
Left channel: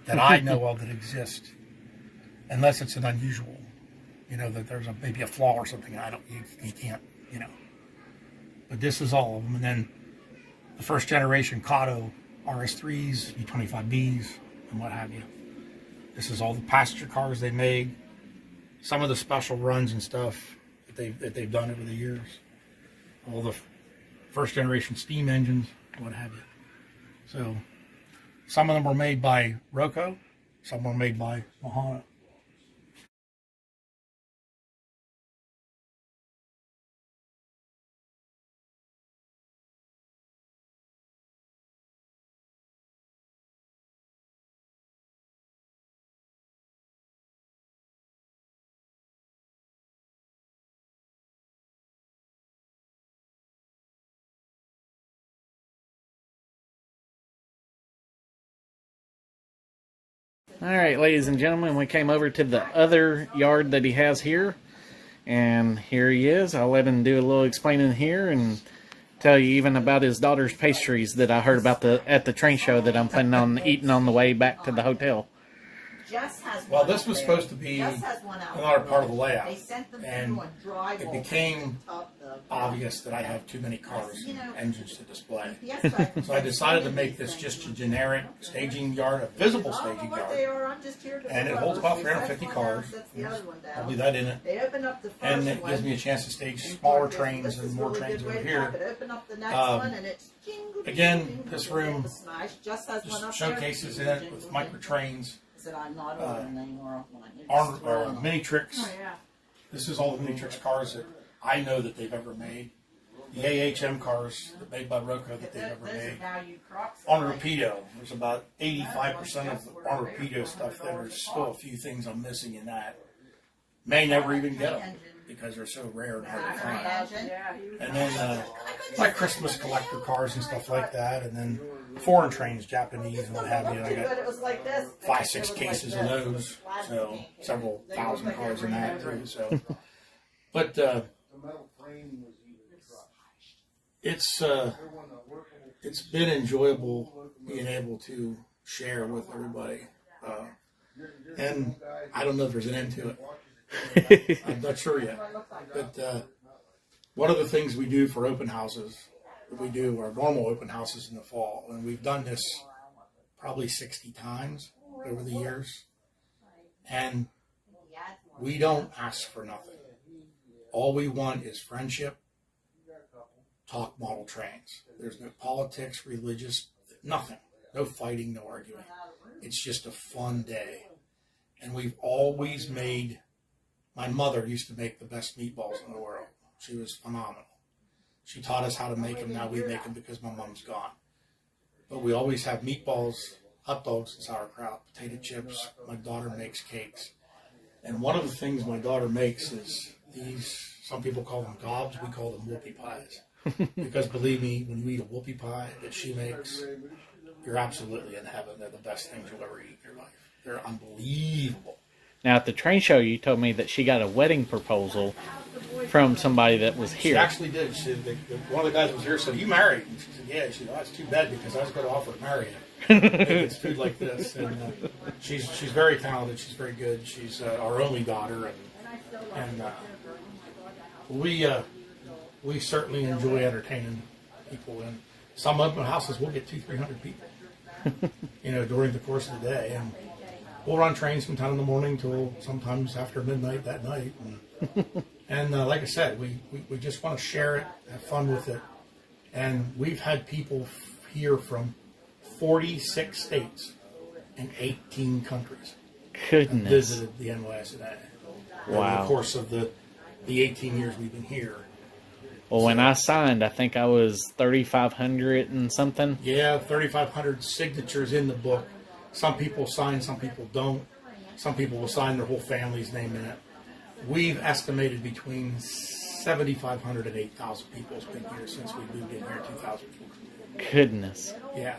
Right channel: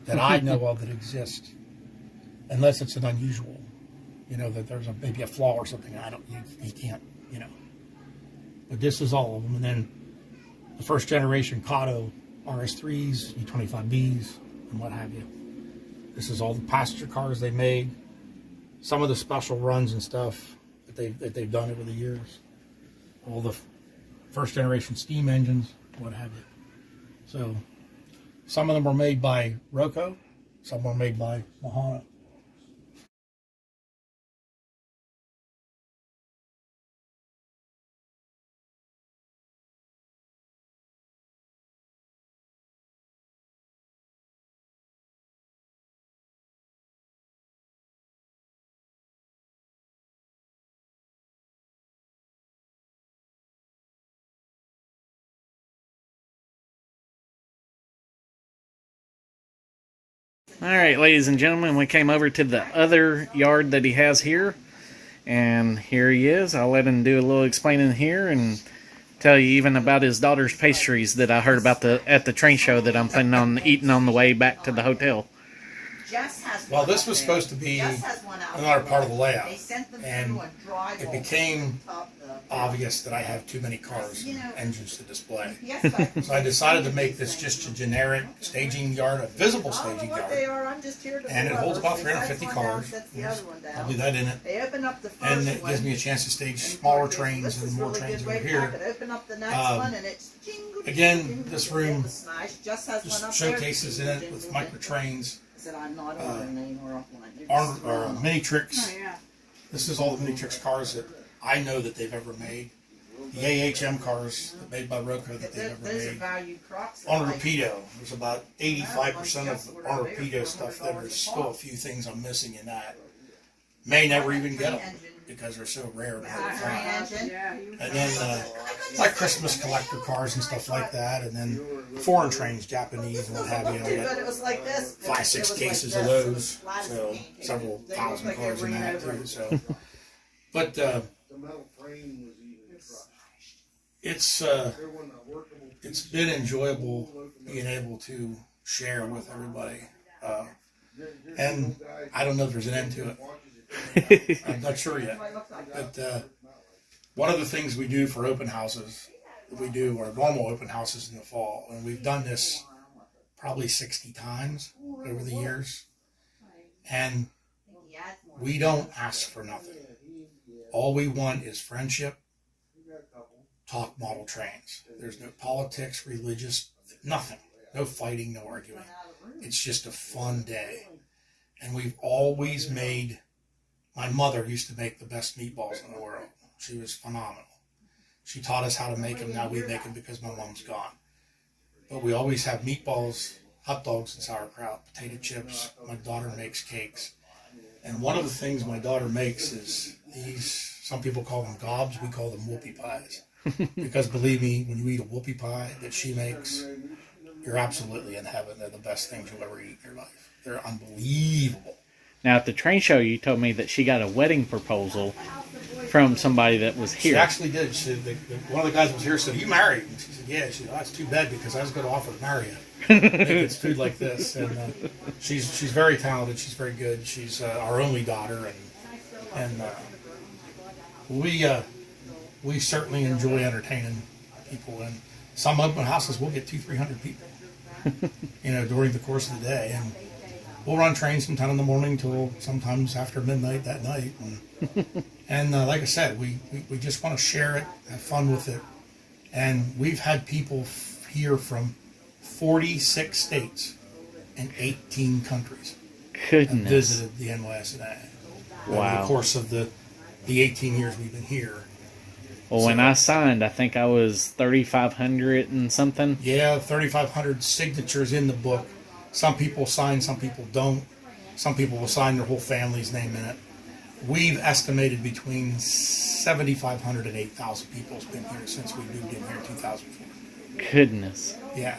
that I know of that exists, unless it's an unusual, that there's maybe a flaw or something. You can't, But this is all of them, and then the first generation Kato RS3s, E25Bs, and what have you. This is all the passenger cars they made, some of the special runs and stuff that they've done over the years, all the first generation steam engines, what have you. So some of them were made by Roco, some were made by Mahana. All right, ladies and gentlemen, we came over to the other yard that he has here, and here he is. I'll let him do a little explaining here and tell you even about his daughter's pastries that I heard about at the train show that I'm planning on eating on the way back to the hotel. Well, this was supposed to be another part of the layout, and it became obvious that I have too many cars and engines to display. So I decided to make this just a generic staging yard, a visible staging yard, and it holds about 350 cars. There's probably that in it, and it gives me a chance to stage smaller trains and more trains over here. Again, this room just showcases in it with micro trains, mini tricks. This is all the mini tricks cars that I know that they've ever made. The AHM cars made by Roco that they've ever made. On Rapido, there's about 85% of on Rapido stuff. There's still a few things I'm missing in that. May never even get them because they're so rare and hard to find. And then like Christmas collector cars and stuff like that. And then foreign trains, Japanese and what have you. I got 5, 6 cases of those. So several thousand cars in that too. So But The metal frame was even crushed. it's been enjoyable being able to share with everybody. And I don't know if there's an end to it. I'm not sure yet. But one of the things we do for open houses, we do our normal open houses in the fall, and we've done this probably 60 times over the years. And we don't ask for nothing. All we want is friendship, talk model trains. There's no politics, religious, nothing. No fighting, no arguing. It's just a fun day. And we've always made, my mother used to make the best meatballs in the world. She was phenomenal. She taught us how to make them. Now we make them because my mom's gone. But we always have meatballs, hot dogs, and sauerkraut, potato chips. My daughter makes cakes. And one of the things my daughter makes is these, some people call them gobs, we call them whoopie pies. Because believe me, when you eat a whoopie pie that she makes, you're absolutely in heaven. They're the best things you'll ever eat in your life. They're unbelievable. Now, at the train show, you told me that she got a wedding proposal from somebody that was here. She actually did. One of the guys was here said, "Are you married?" And she said, "Yeah." She said, "Oh, it's too bad because I was going to offer to marry you." Make it's food like this. And she's very talented. She's very good. She's our only daughter. And we certainly enjoy entertaining people. And some open houses, we'll get 200-300 people, during the course of the day. And we'll run trains from 10 in the morning till sometimes after midnight that night. And like I said, we just want to share it, have fun with it. And we've had people here from 46 states and 18 countries. Goodness. Visited the NYSNA. Wow. Over the course of the 18 years we've been here. Well, when I signed, I think I was 3,500 and something. Yeah, 3,500 signatures in the book. Some people sign, some people don't. Some people will sign their whole family's name in it. We've estimated between 7,500 and 8,000 people has been here since we moved in here in 2004. Goodness. Yeah.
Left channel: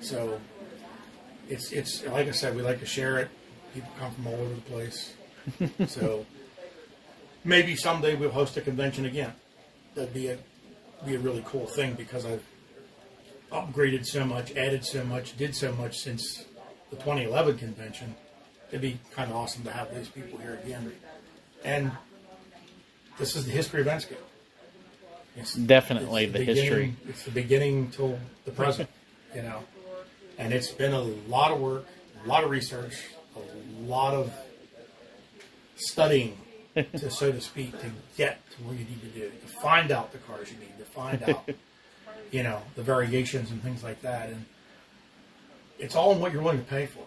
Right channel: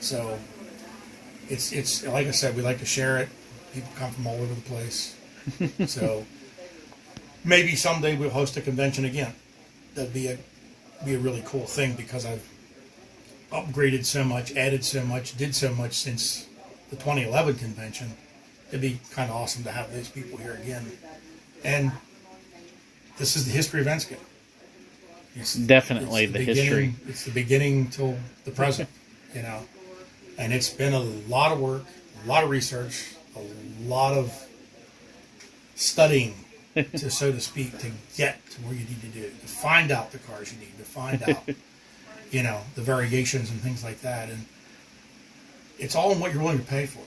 So it's like I said, we like to share it. People come from all over the place. So maybe someday we'll host a convention again. That'd be a really cool thing because I've upgraded so much, added so much, did so much since the 2011 convention. It'd be kind of awesome to have these people here again. And this is the history of Ensco. It's Definitely the history. It's the beginning till the present, And it's been a lot of work, a lot of research, a lot of studying, so to speak, to get to where you need to do, to find out the cars you need, to find out, the variations and things like that. And it's all in what you're willing to pay for,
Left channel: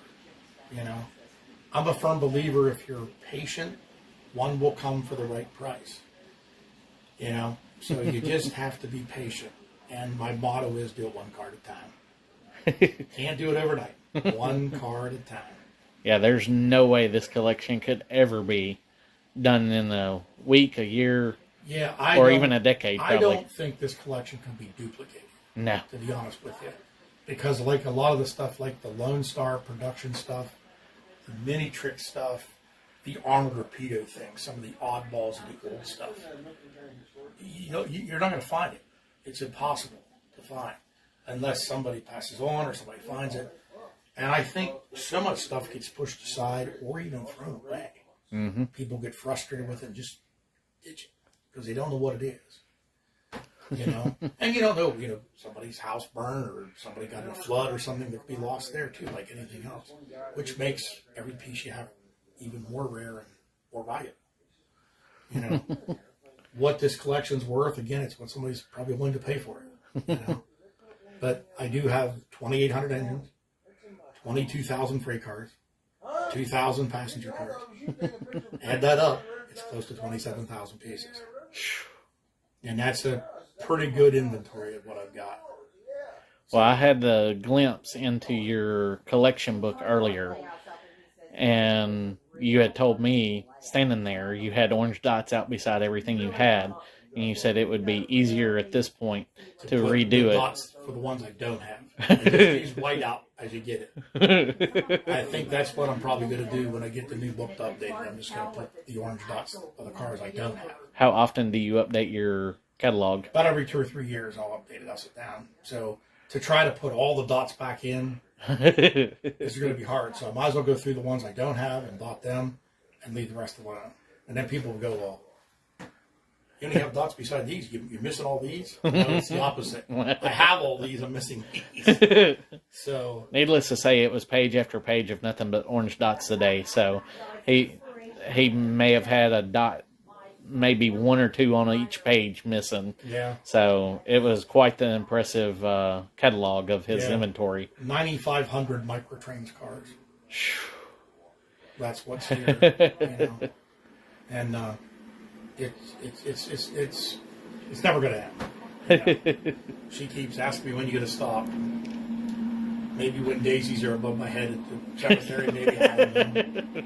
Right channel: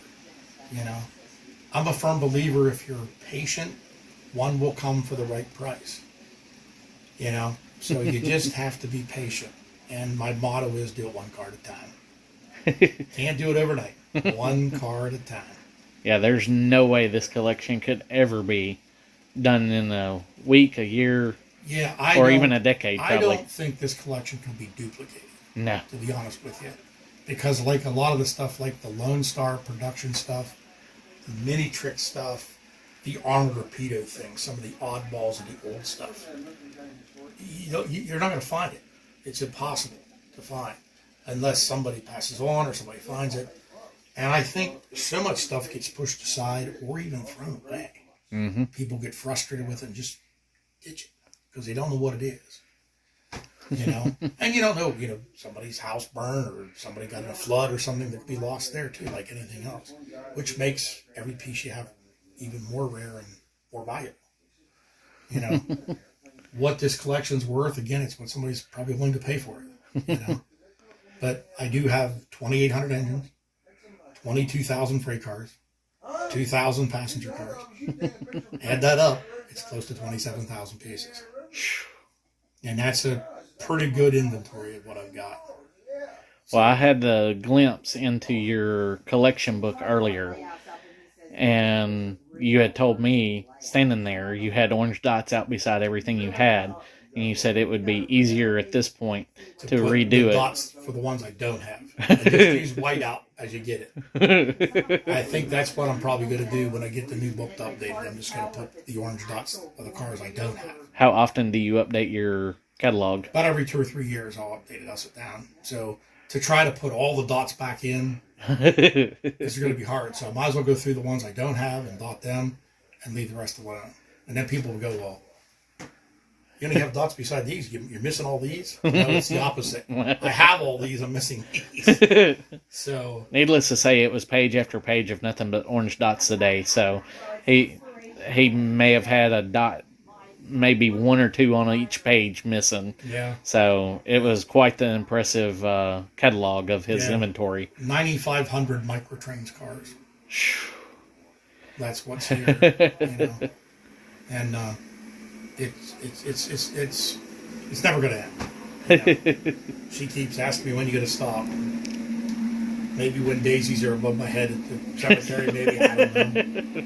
I'm a firm believer if you're patient, one will come for the right price, So you just have to be patient. And my motto is do it one car at a time. Can't do it overnight. One car at a time. Yeah, there's no way this collection could ever be done in a week, a year, or even a decade, probably. I don't think this collection can be duplicated. No. To be honest with you. Because like a lot of the stuff, like the Lone Star production stuff, the mini trick stuff, the armored torpedo thing, some of the oddballs and the old stuff, you're not going to find it. It's impossible to find unless somebody passes on or somebody finds it. And I think so much stuff gets pushed aside or even thrown away. Mm-hmm. People get frustrated with it and just ditch it because they don't know what it is. And you don't know, somebody's house burned or somebody got in a flood or something that could be lost there too, like anything else, which makes every piece you have even more rare and more valuable. What this collection's worth, again, it's what somebody's probably willing to pay for it. But I do have 2,800 engines, 22,000 freight cars, 2,000 passenger cars. Add that up, it's close to 27,000 pieces. And that's a pretty good inventory of what I've got. Well, I had the glimpse into your collection book earlier, and you had told me, standing there, you had orange dots out beside everything you had. and you said it would be easier at this point to put redo the it. dots for the ones I don't have. And just use white out as you get it. I think that's what I'm probably going to do when I get the new book updated. I'm just going to put the orange dots of the cars I don't have. How often do you update your catalog? About every 2 or 3 years I'll update it. I'll sit down. So to try to put all the dots back in is going to be hard. So I might as well go through the ones I don't have and dot them and leave the rest alone. And then people will go, well, you only have dots beside these. You're missing all these? No, it's the opposite. I have all these. I'm missing these. So, needless to say, it was page after page of nothing but orange dots today. So he may have had a dot, maybe 1 or 2 on each page missing. Yeah. So it was quite the impressive catalog of his inventory. 9,500 microtrains cars. That's what's here. And it's never going to end. She keeps asking me when you're going to stop. Maybe when daisies are above my head at the cemetery, maybe. I don't know.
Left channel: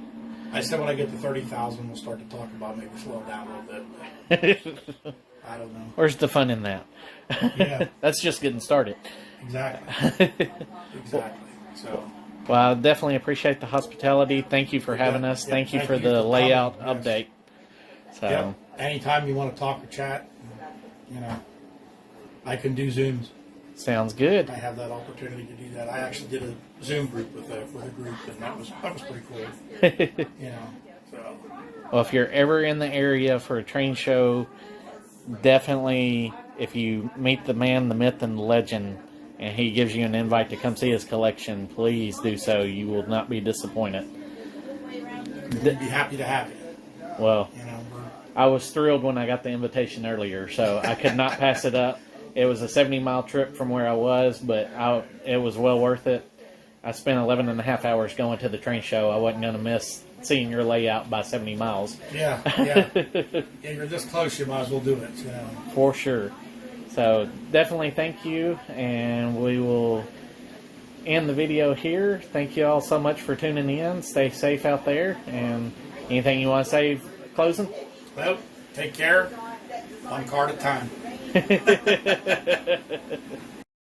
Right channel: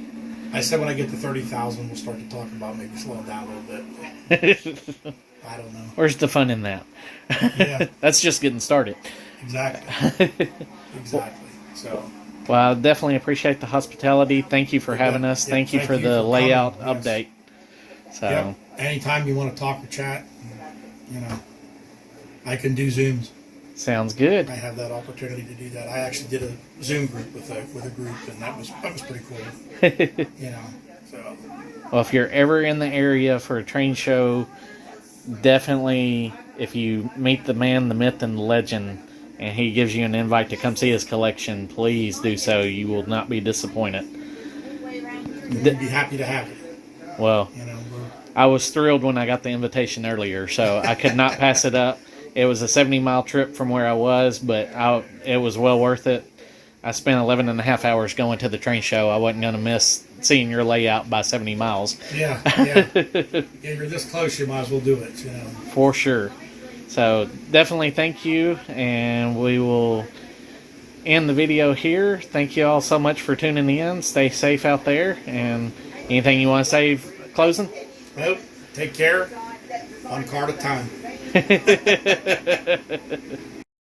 I said when I get to 30,000, we'll start to talk about maybe slowing down a little bit. I don't know. Where's the fun in that? Yeah. That's just getting started. Exactly. Exactly. So. Well, I definitely appreciate the hospitality. Thank you for having us. Thank you for the layout update. So. Yep. Anytime you want to talk or chat, I can do Zooms. Sounds good. I have that opportunity to do that. I actually did a Zoom group with a group, and that was pretty cool. So. Well, if you're ever in the area for a train show, definitely, if you meet the man, the myth, and the legend, and he gives you an invite to come see his collection, please do so. You will not be disappointed. We'd be happy to have you. Well, I was thrilled when I got the invitation earlier, so I could not pass it up. It was a 70-mile trip from where I was, but it was well worth it. I spent 11 and a half hours going to the train show. I wasn't going to miss seeing your layout by 70 miles. Yeah. You're this close, you might as well do it. For sure. So definitely thank you, and we will end the video here. Thank you all so much for tuning in. Stay safe out there, and anything you want to say closing? Nope. Take care. One car at a time.